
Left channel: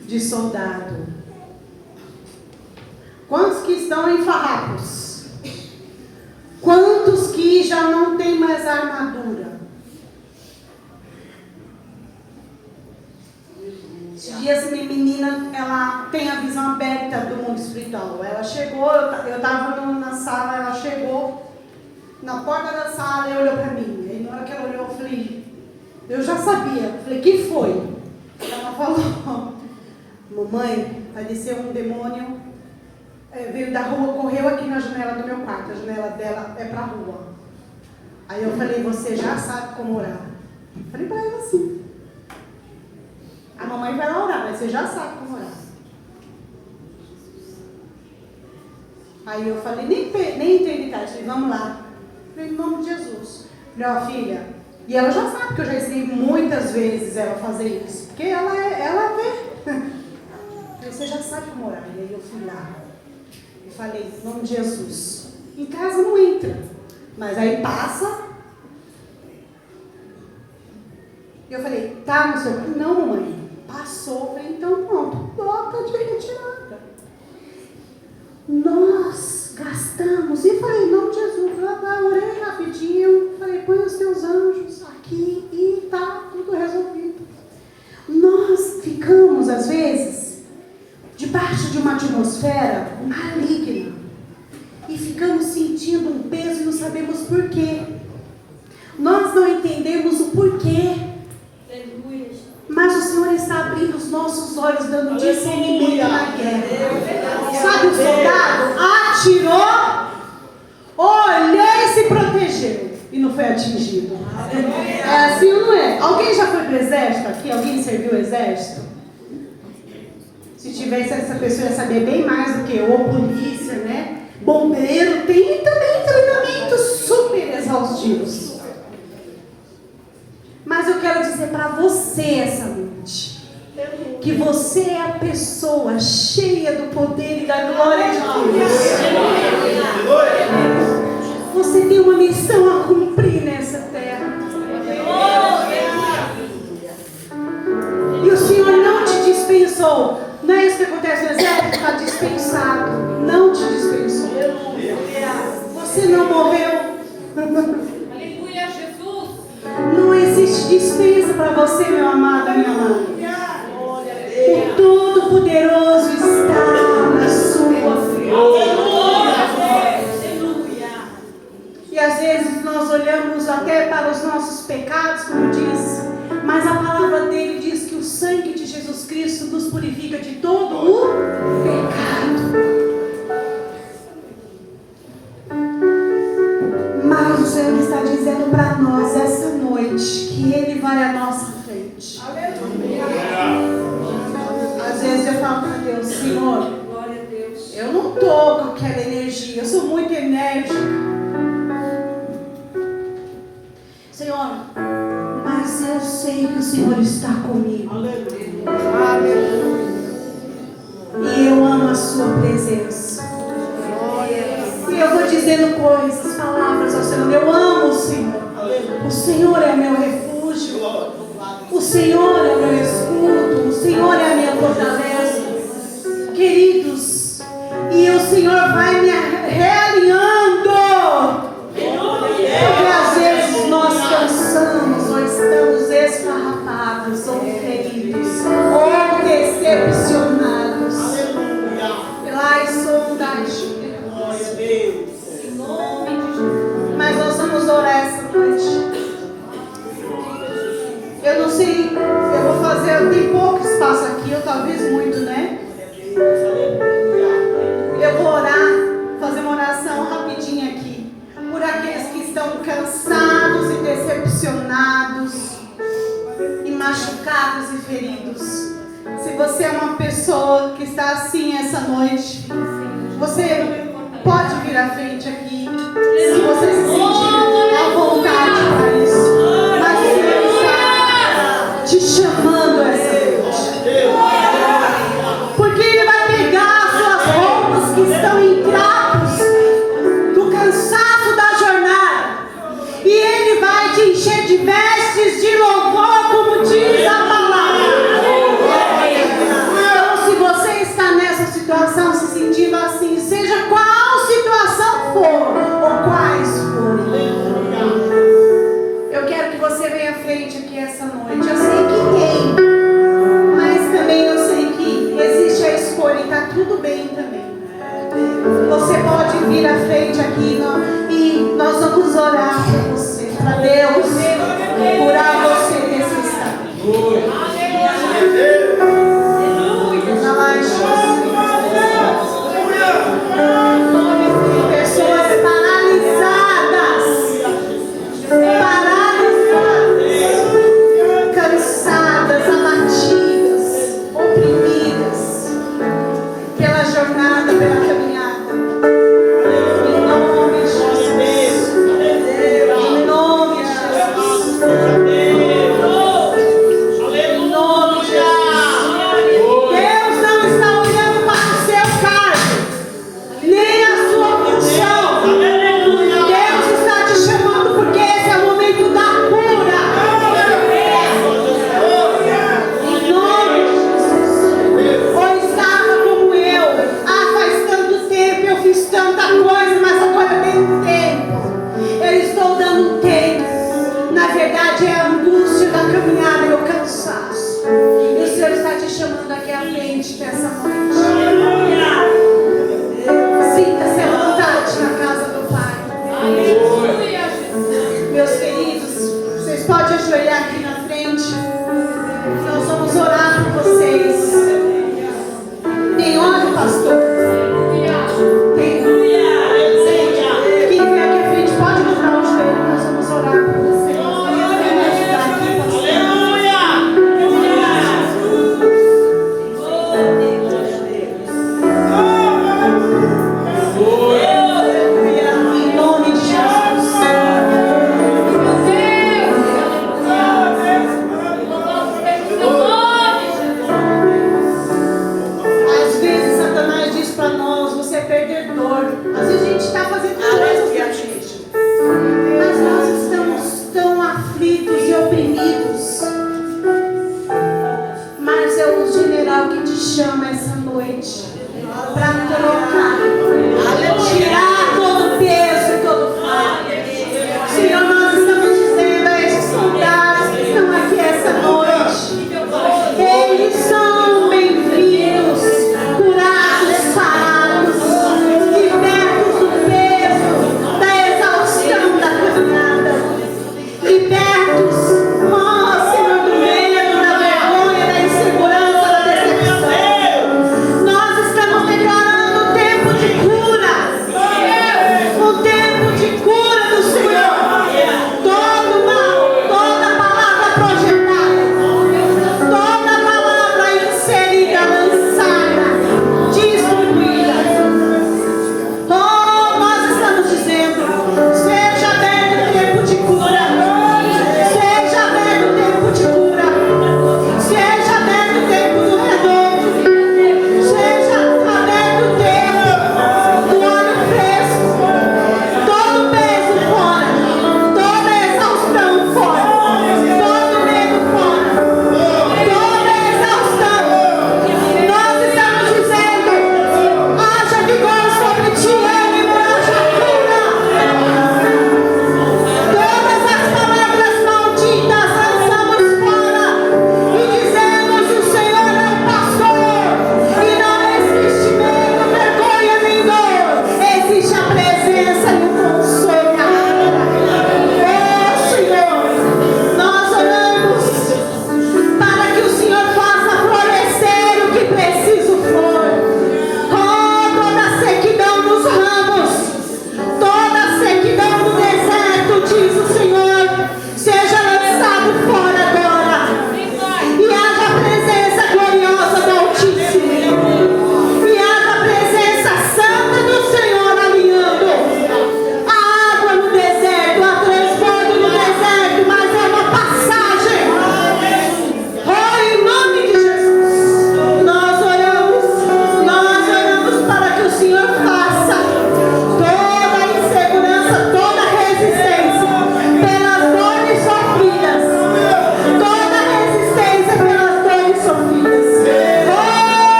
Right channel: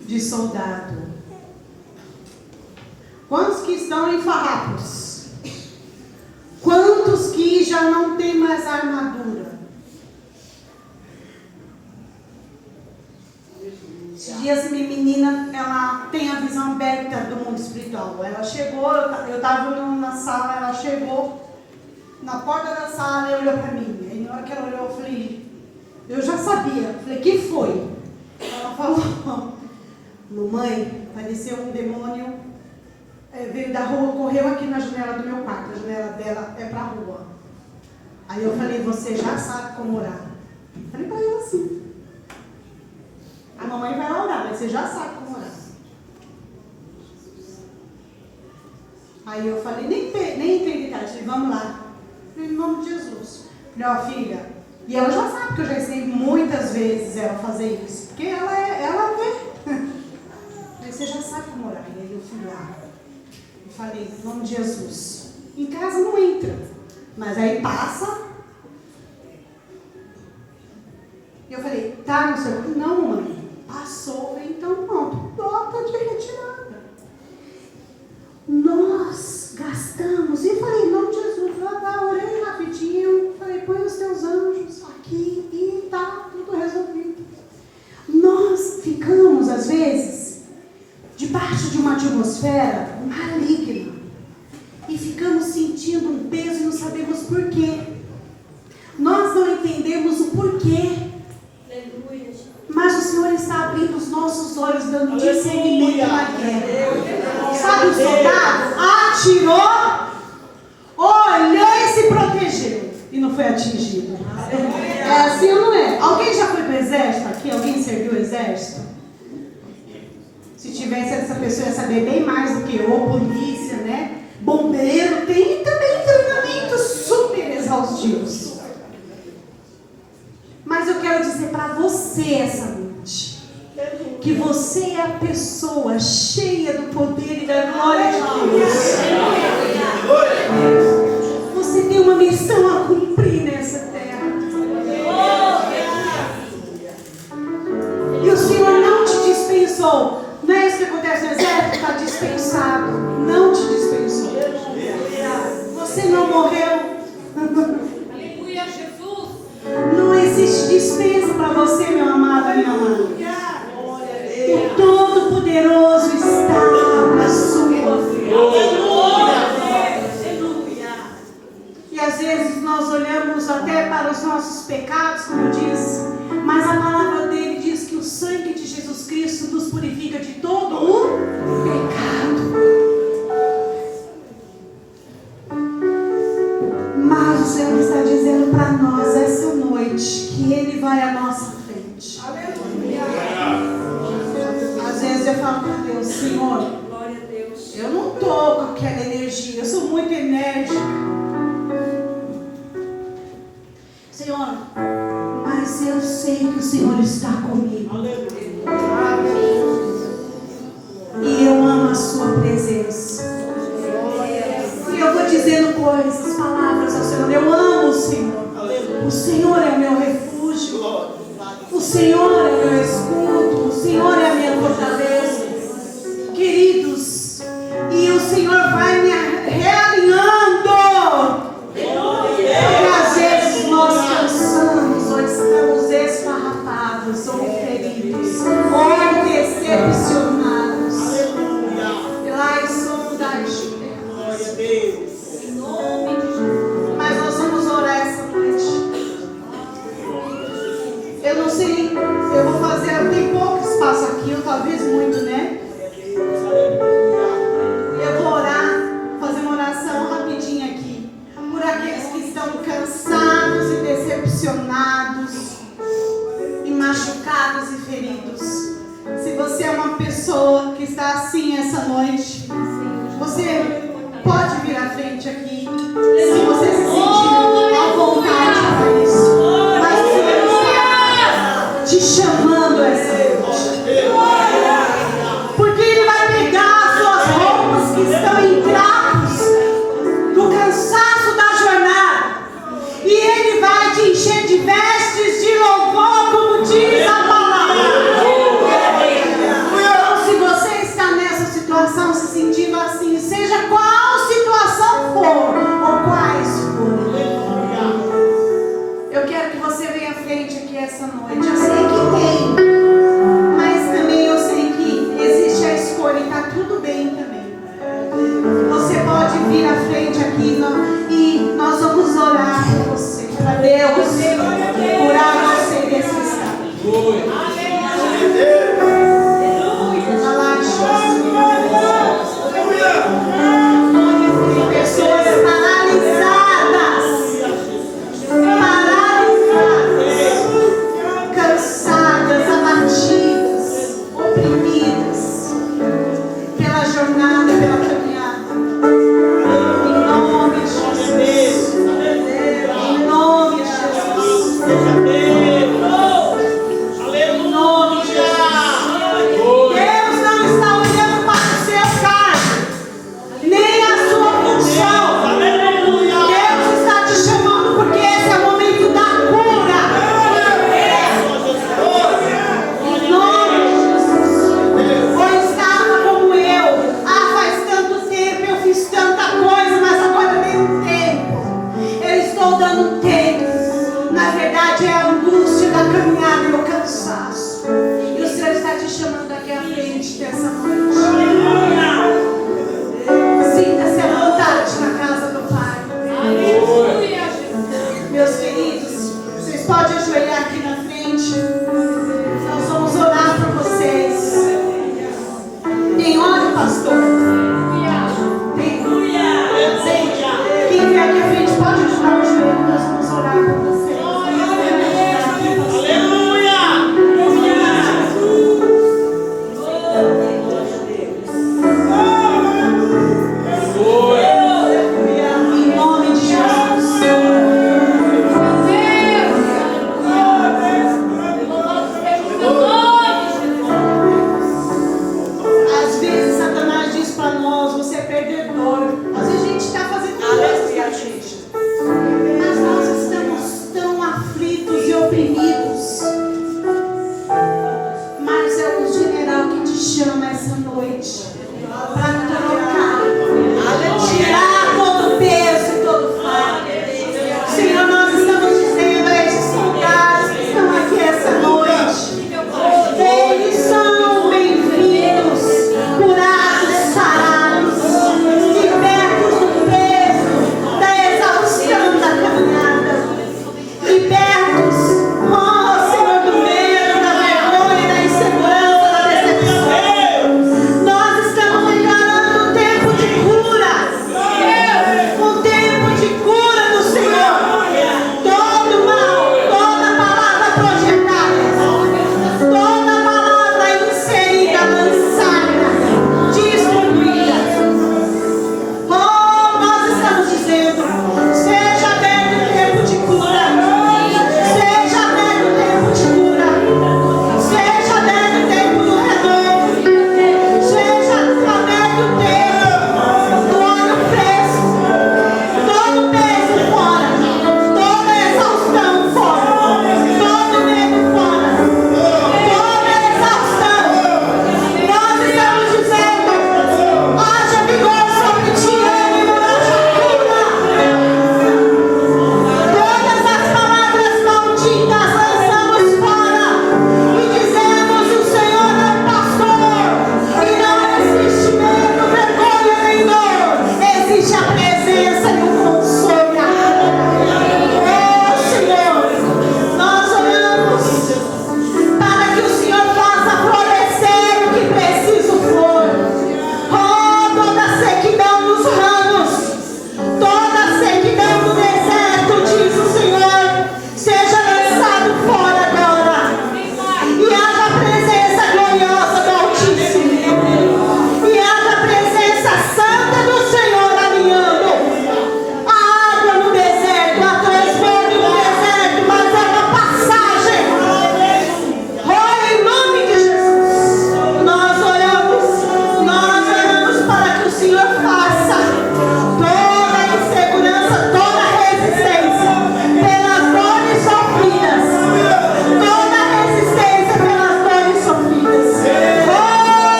de soldado, quantos que estão em farrapos, quantos que já não tem mais armadura. Esses dias minha menina, ela tem a visão aberta do mundo espiritual. Ela chegou, eu estava na sala, ela chegou na porta da sala e olhou para mim. Aí na hora que ela olhou, eu falei, eu já sabia. Falei: que foi? Ela falou: mamãe, pareceu um demônio, veio da rua, correu aqui na janela do meu quarto. A janela dela é para a rua. Aí eu falei: você já sabe como orar? Falei para ela assim: a mamãe vai orar, mas você já sabe como orar. Aí eu falei: nem entrei de casa, falei: vamos lá. Falei: em nome de Jesus. Falei, ó, filha, e ela já sabe que eu já ensinei muitas vezes ela a fazer isso, porque ela vê. Falei, você já sabe como orar. E aí eu fui lá e falei, em nome de Jesus. Em casa não entra, mas aí passa. E eu falei, tá no seu... Não, mãe. Passou. Eu falei, então pronto. Nota de retirada. Nós gastamos. E falei, em nome de Jesus. Eu orei rapidinho. Falei, põe os teus anjos aqui e tá tudo resolvido. Nós ficamos, às vezes, debaixo de uma atmosfera maligna. E ficamos sentindo um peso e não sabemos por quê. Nós não entendemos o porquê. Mas o Senhor está abrindo os nossos olhos, dando discernimento na guerra. Sabe o soldado? Atirou, olhou e se protegeu. E não foi atingido. É assim ou não é? Alguém já foi para o exército aqui? Alguém serviu o exército? Se tivesse, essa pessoa ia saber bem mais do que eu, polícia, né? Bombeiro, tem também treinamentos super exaustivos. Mas eu quero dizer para você essa noite, que você é a pessoa cheia do poder e da glória de Deus. Você tem uma missão a cumprir nessa terra. E o Senhor não te dispensou. Não é isso que acontece no exército? Está dispensado. Não te dispensou. Você não morreu. Aleluia, Jesus. Não existe dispensa para você, meu amado, minha amada. O Todo-Poderoso está na sua frente. E às vezes nós olhamos até para os nossos pecados, como eu disse, mas a palavra dele diz que o sangue de Jesus Cristo nos purifica de todo o pecado. Mas o Senhor está dizendo para nós essa noite que Ele vai à nossa frente. Aleluia. Às vezes eu falo para Deus, Senhor, eu não estou com aquela energia, eu sou muito enérgica. Senhor, mas eu sei que o Senhor está comigo. E eu amo a sua presença. E eu vou dizendo coisas, palavras ao Senhor. Eu amo o Senhor. O Senhor é meu refúgio. O Senhor é meu escudo. O Senhor é a minha fortaleza. Queridos, e o Senhor vai me realinhando. Porque às vezes nós cansamos ou estamos esfarrapados ou feridos ou decepcionados. Lá estou da Mas nós vamos orar essa noite. Eu não sei, eu vou fazer, tem pouco espaço aqui, ou talvez muito, né? Eu vou orar, fazer uma oração rapidinha aqui, por aqueles que estão cansados e decepcionados, e machucados e feridos. Se você é uma pessoa que está assim essa noite, você pode vir à frente aqui, se você se sentir à vontade para isso. Nós estamos te chamando essa noite. Porque Ele vai pegar as suas roupas que estão em trapos do cansaço da jornada. E Ele vai te encher de vestes de louvor, como diz a palavra. Então, se você está nessa situação, se sentindo assim, seja qual situação for, ou quais forem, eu quero que você venha à frente aqui essa noite. Eu sei que tem, mas também eu sei que existe a escolha e está tudo bem também. Você pode vir à frente aqui e nós vamos orar por você, para Deus curar você desse estado.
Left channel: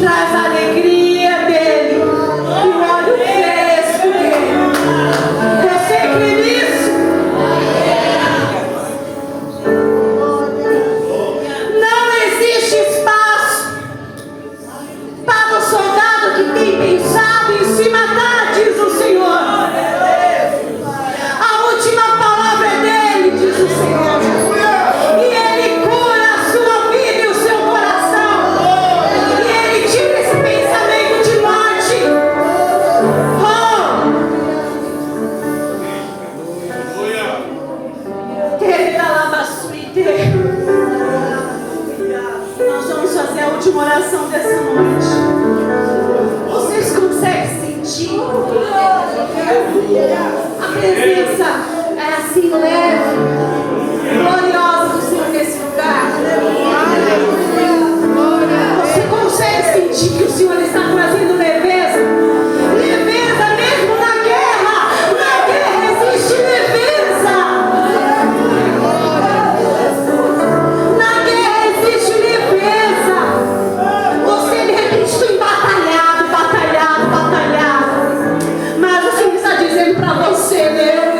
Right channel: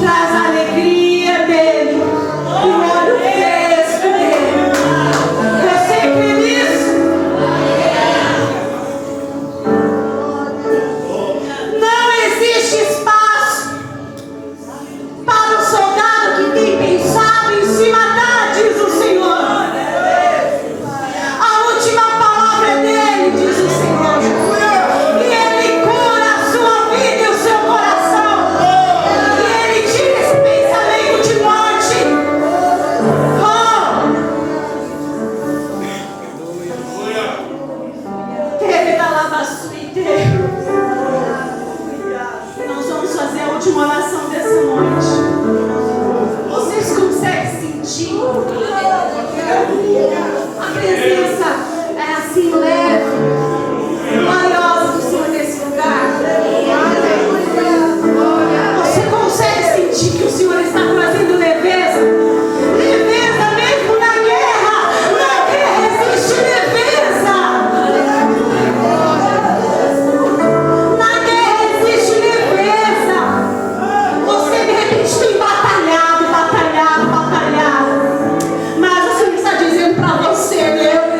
traz a alegria dele, o óleo fresco dele. Você crê nisso? Não existe espaço para o soldado que tem pensado em se matar, diz o Senhor. A última palavra é dele, diz o Senhor. E ele cura a sua vida e o seu coração. E ele tira esse pensamento de morte. Nós vamos fazer a última oração dessa noite. Vocês conseguem sentir? A presença é assim leve, gloriosa do Senhor nesse lugar. Você consegue sentir que o Senhor está trazendo leveza? Leveza mesmo na guerra. Na guerra existe leveza. Na guerra existe leveza. Você de repente tem batalhado. Mas o Senhor está dizendo para você, né?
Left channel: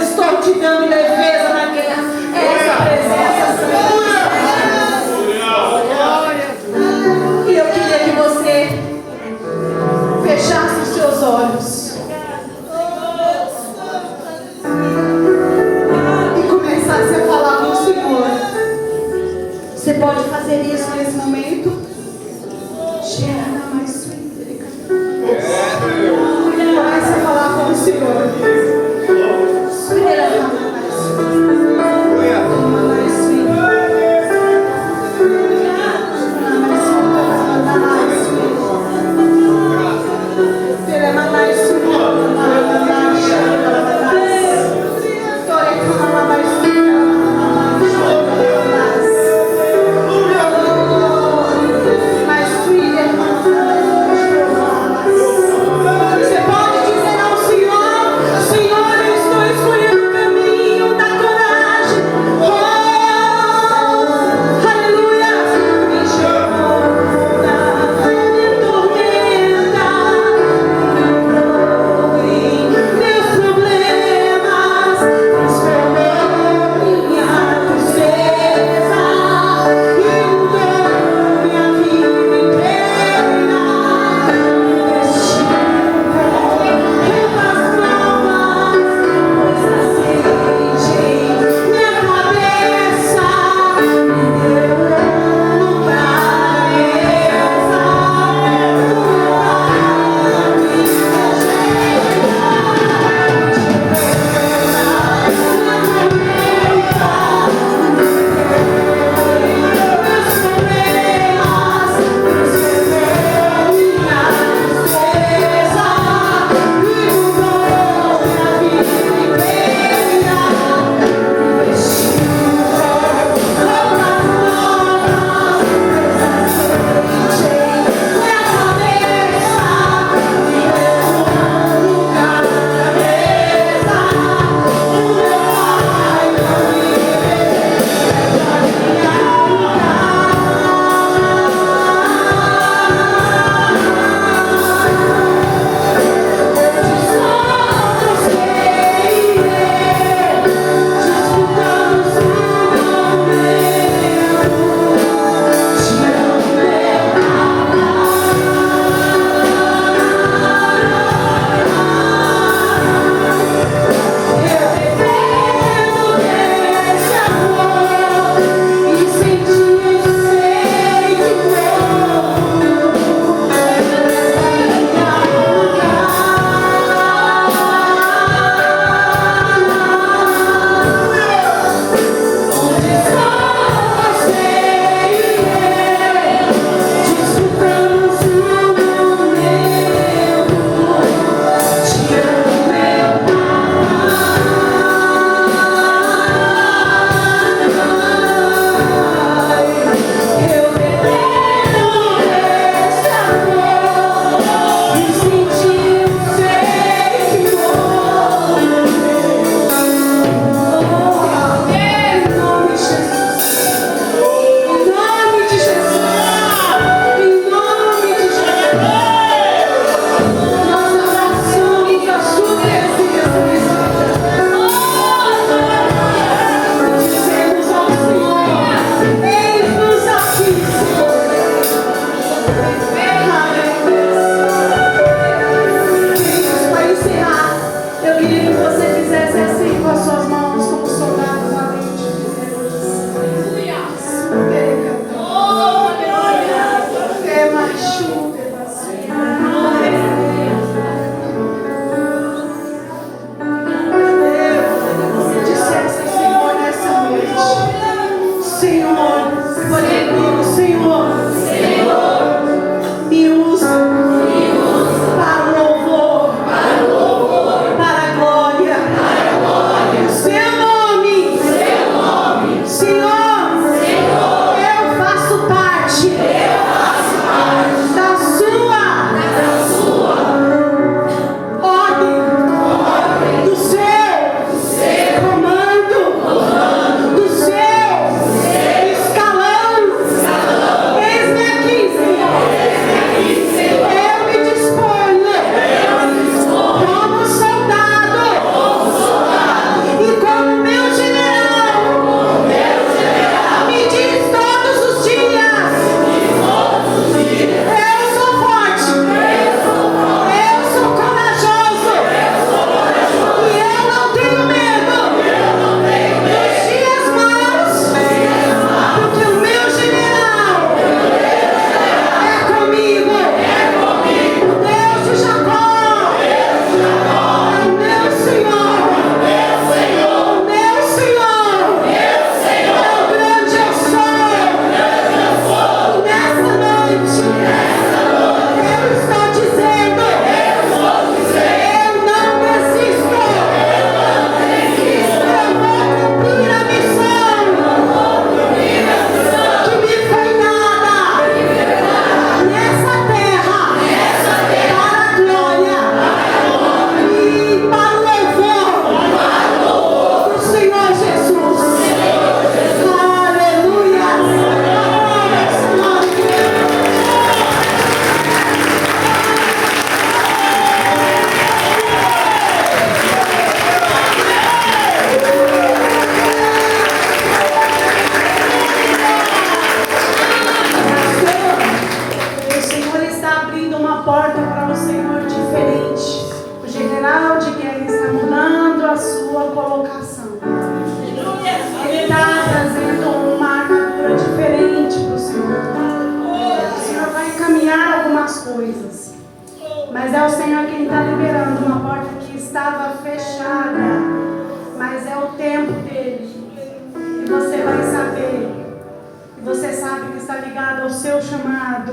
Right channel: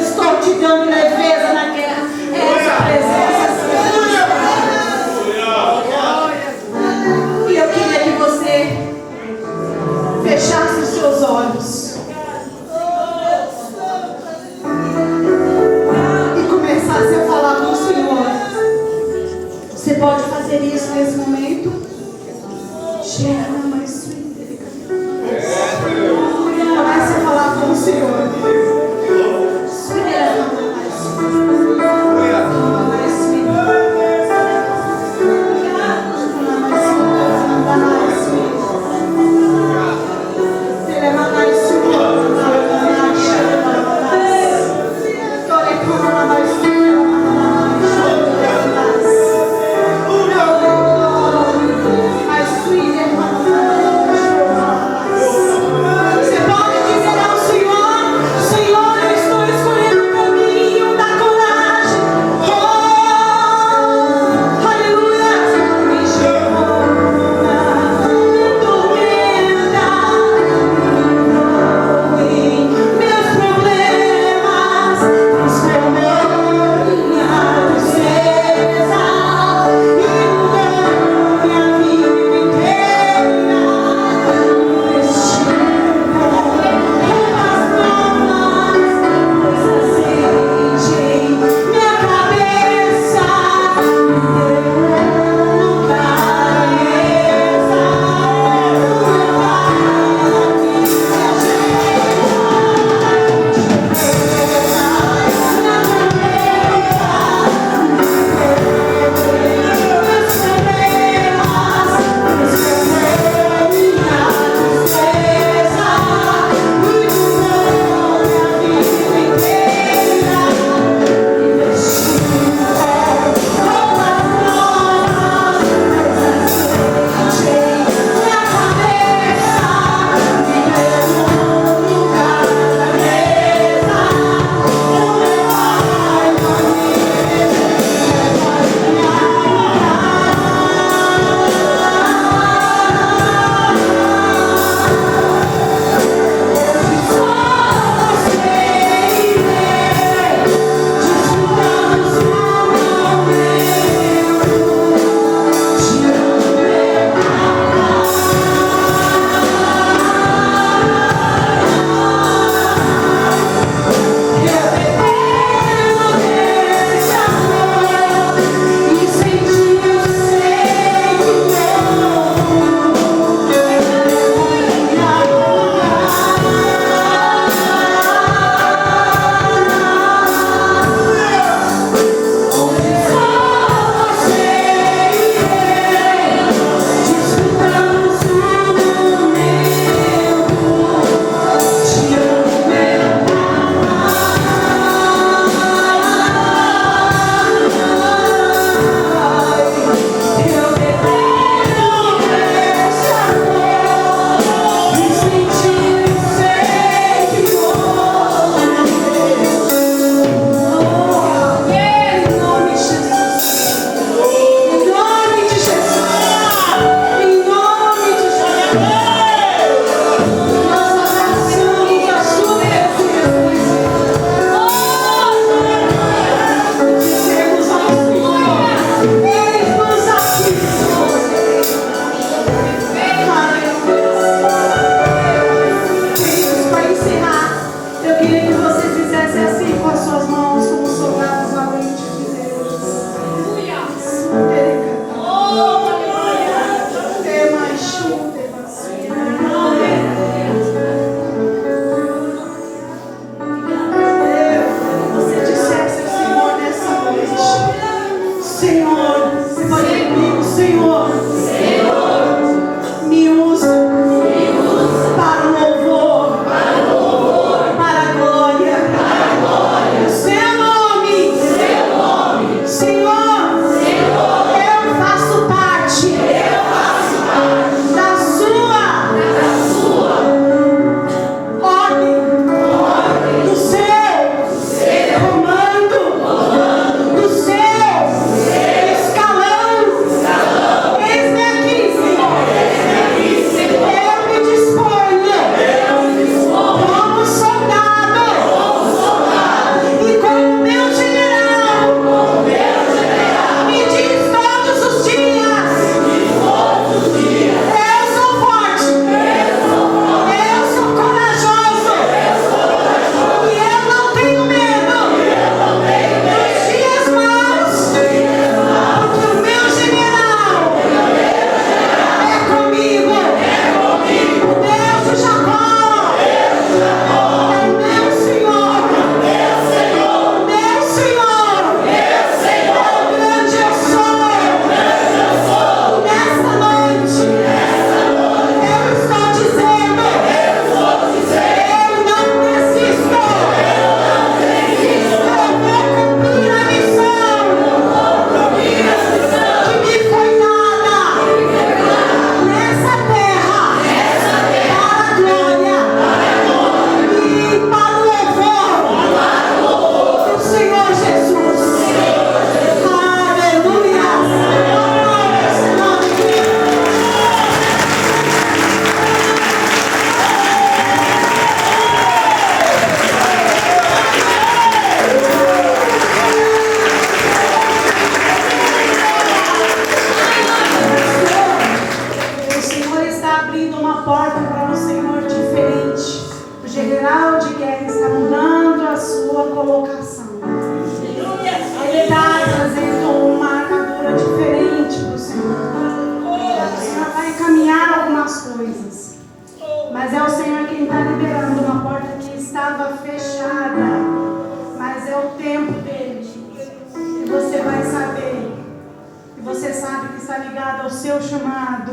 seu chamado,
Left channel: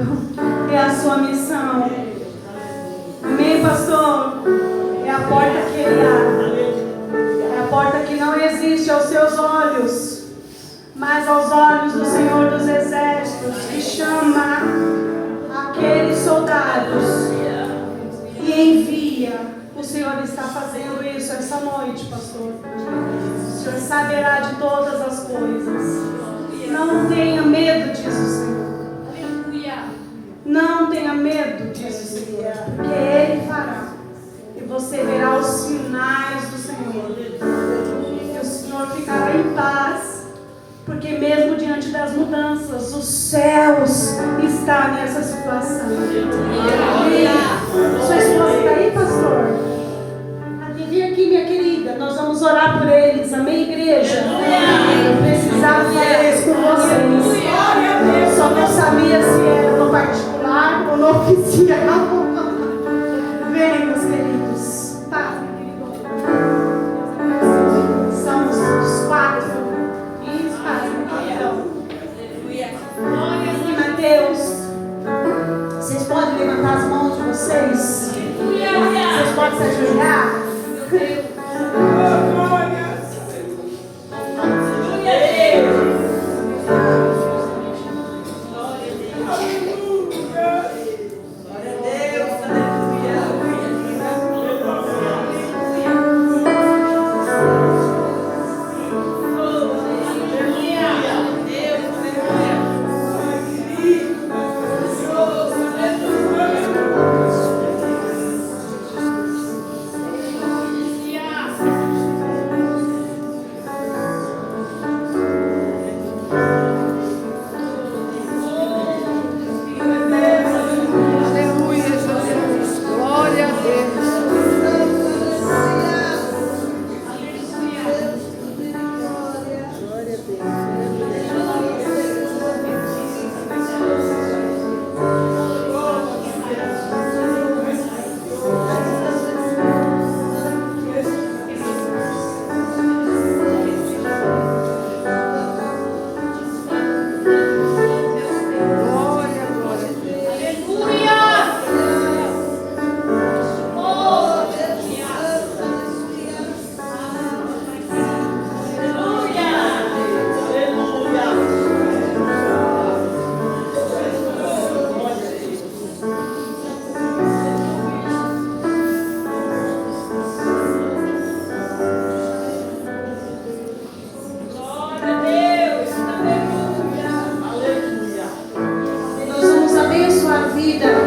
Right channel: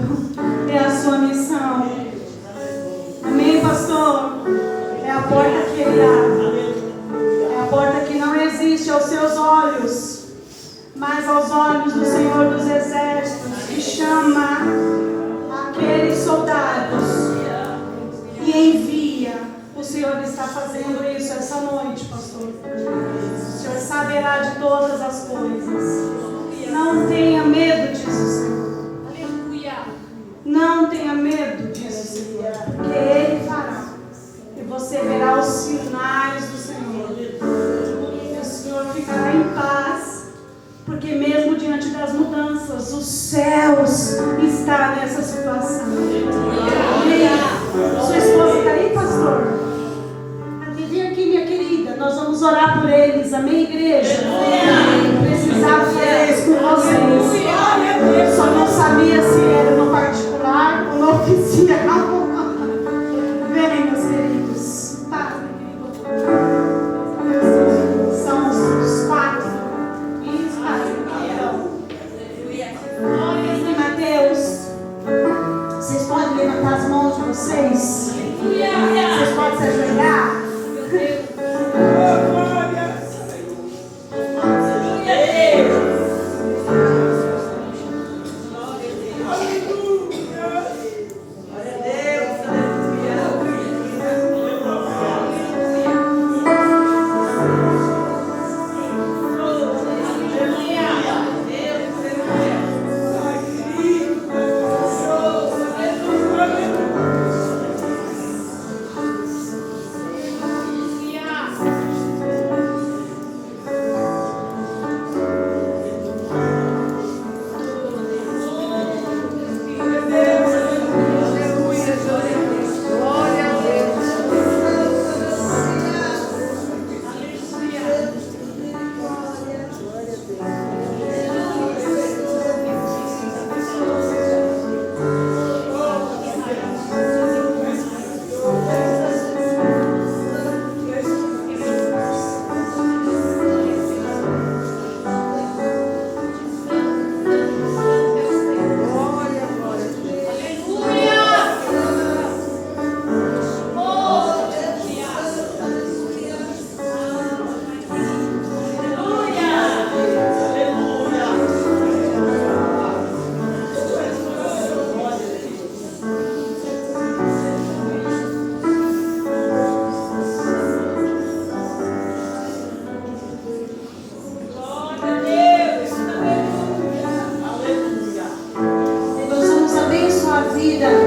é a sua missão. Amém, pastor? É a porta que ele abre. É a porta que não existe aos seus olhos, mas aos olhos do Senhor dos Exércitos, que chama aqueles soldados e envia. O Senhor está fazendo isso essa noite, pastor. O Senhor saberá de todas as coisas. Não tenha medo disso, Senhor. Aleluia. Não tenha medo disso, Senhor, porque Ele fará. E você verá os sinais do Senhor. E o Senhor ficará em paz, porque mesmo diante das mudanças, os céus estão nessa situação. Sua esposa está aí, pastor? Vem aqui, minha querida. Nós vamos orar por eles. Amém, igreja? Precisava fazer isso com vocês. Só não sabia se era no particular ou no oficial. Vem, meus queridos. Tá, meu querido. São os 4. Isso, e Mateus, vocês podem levantar as mãos de vocês? Vocês podem se ajoelhar? Vida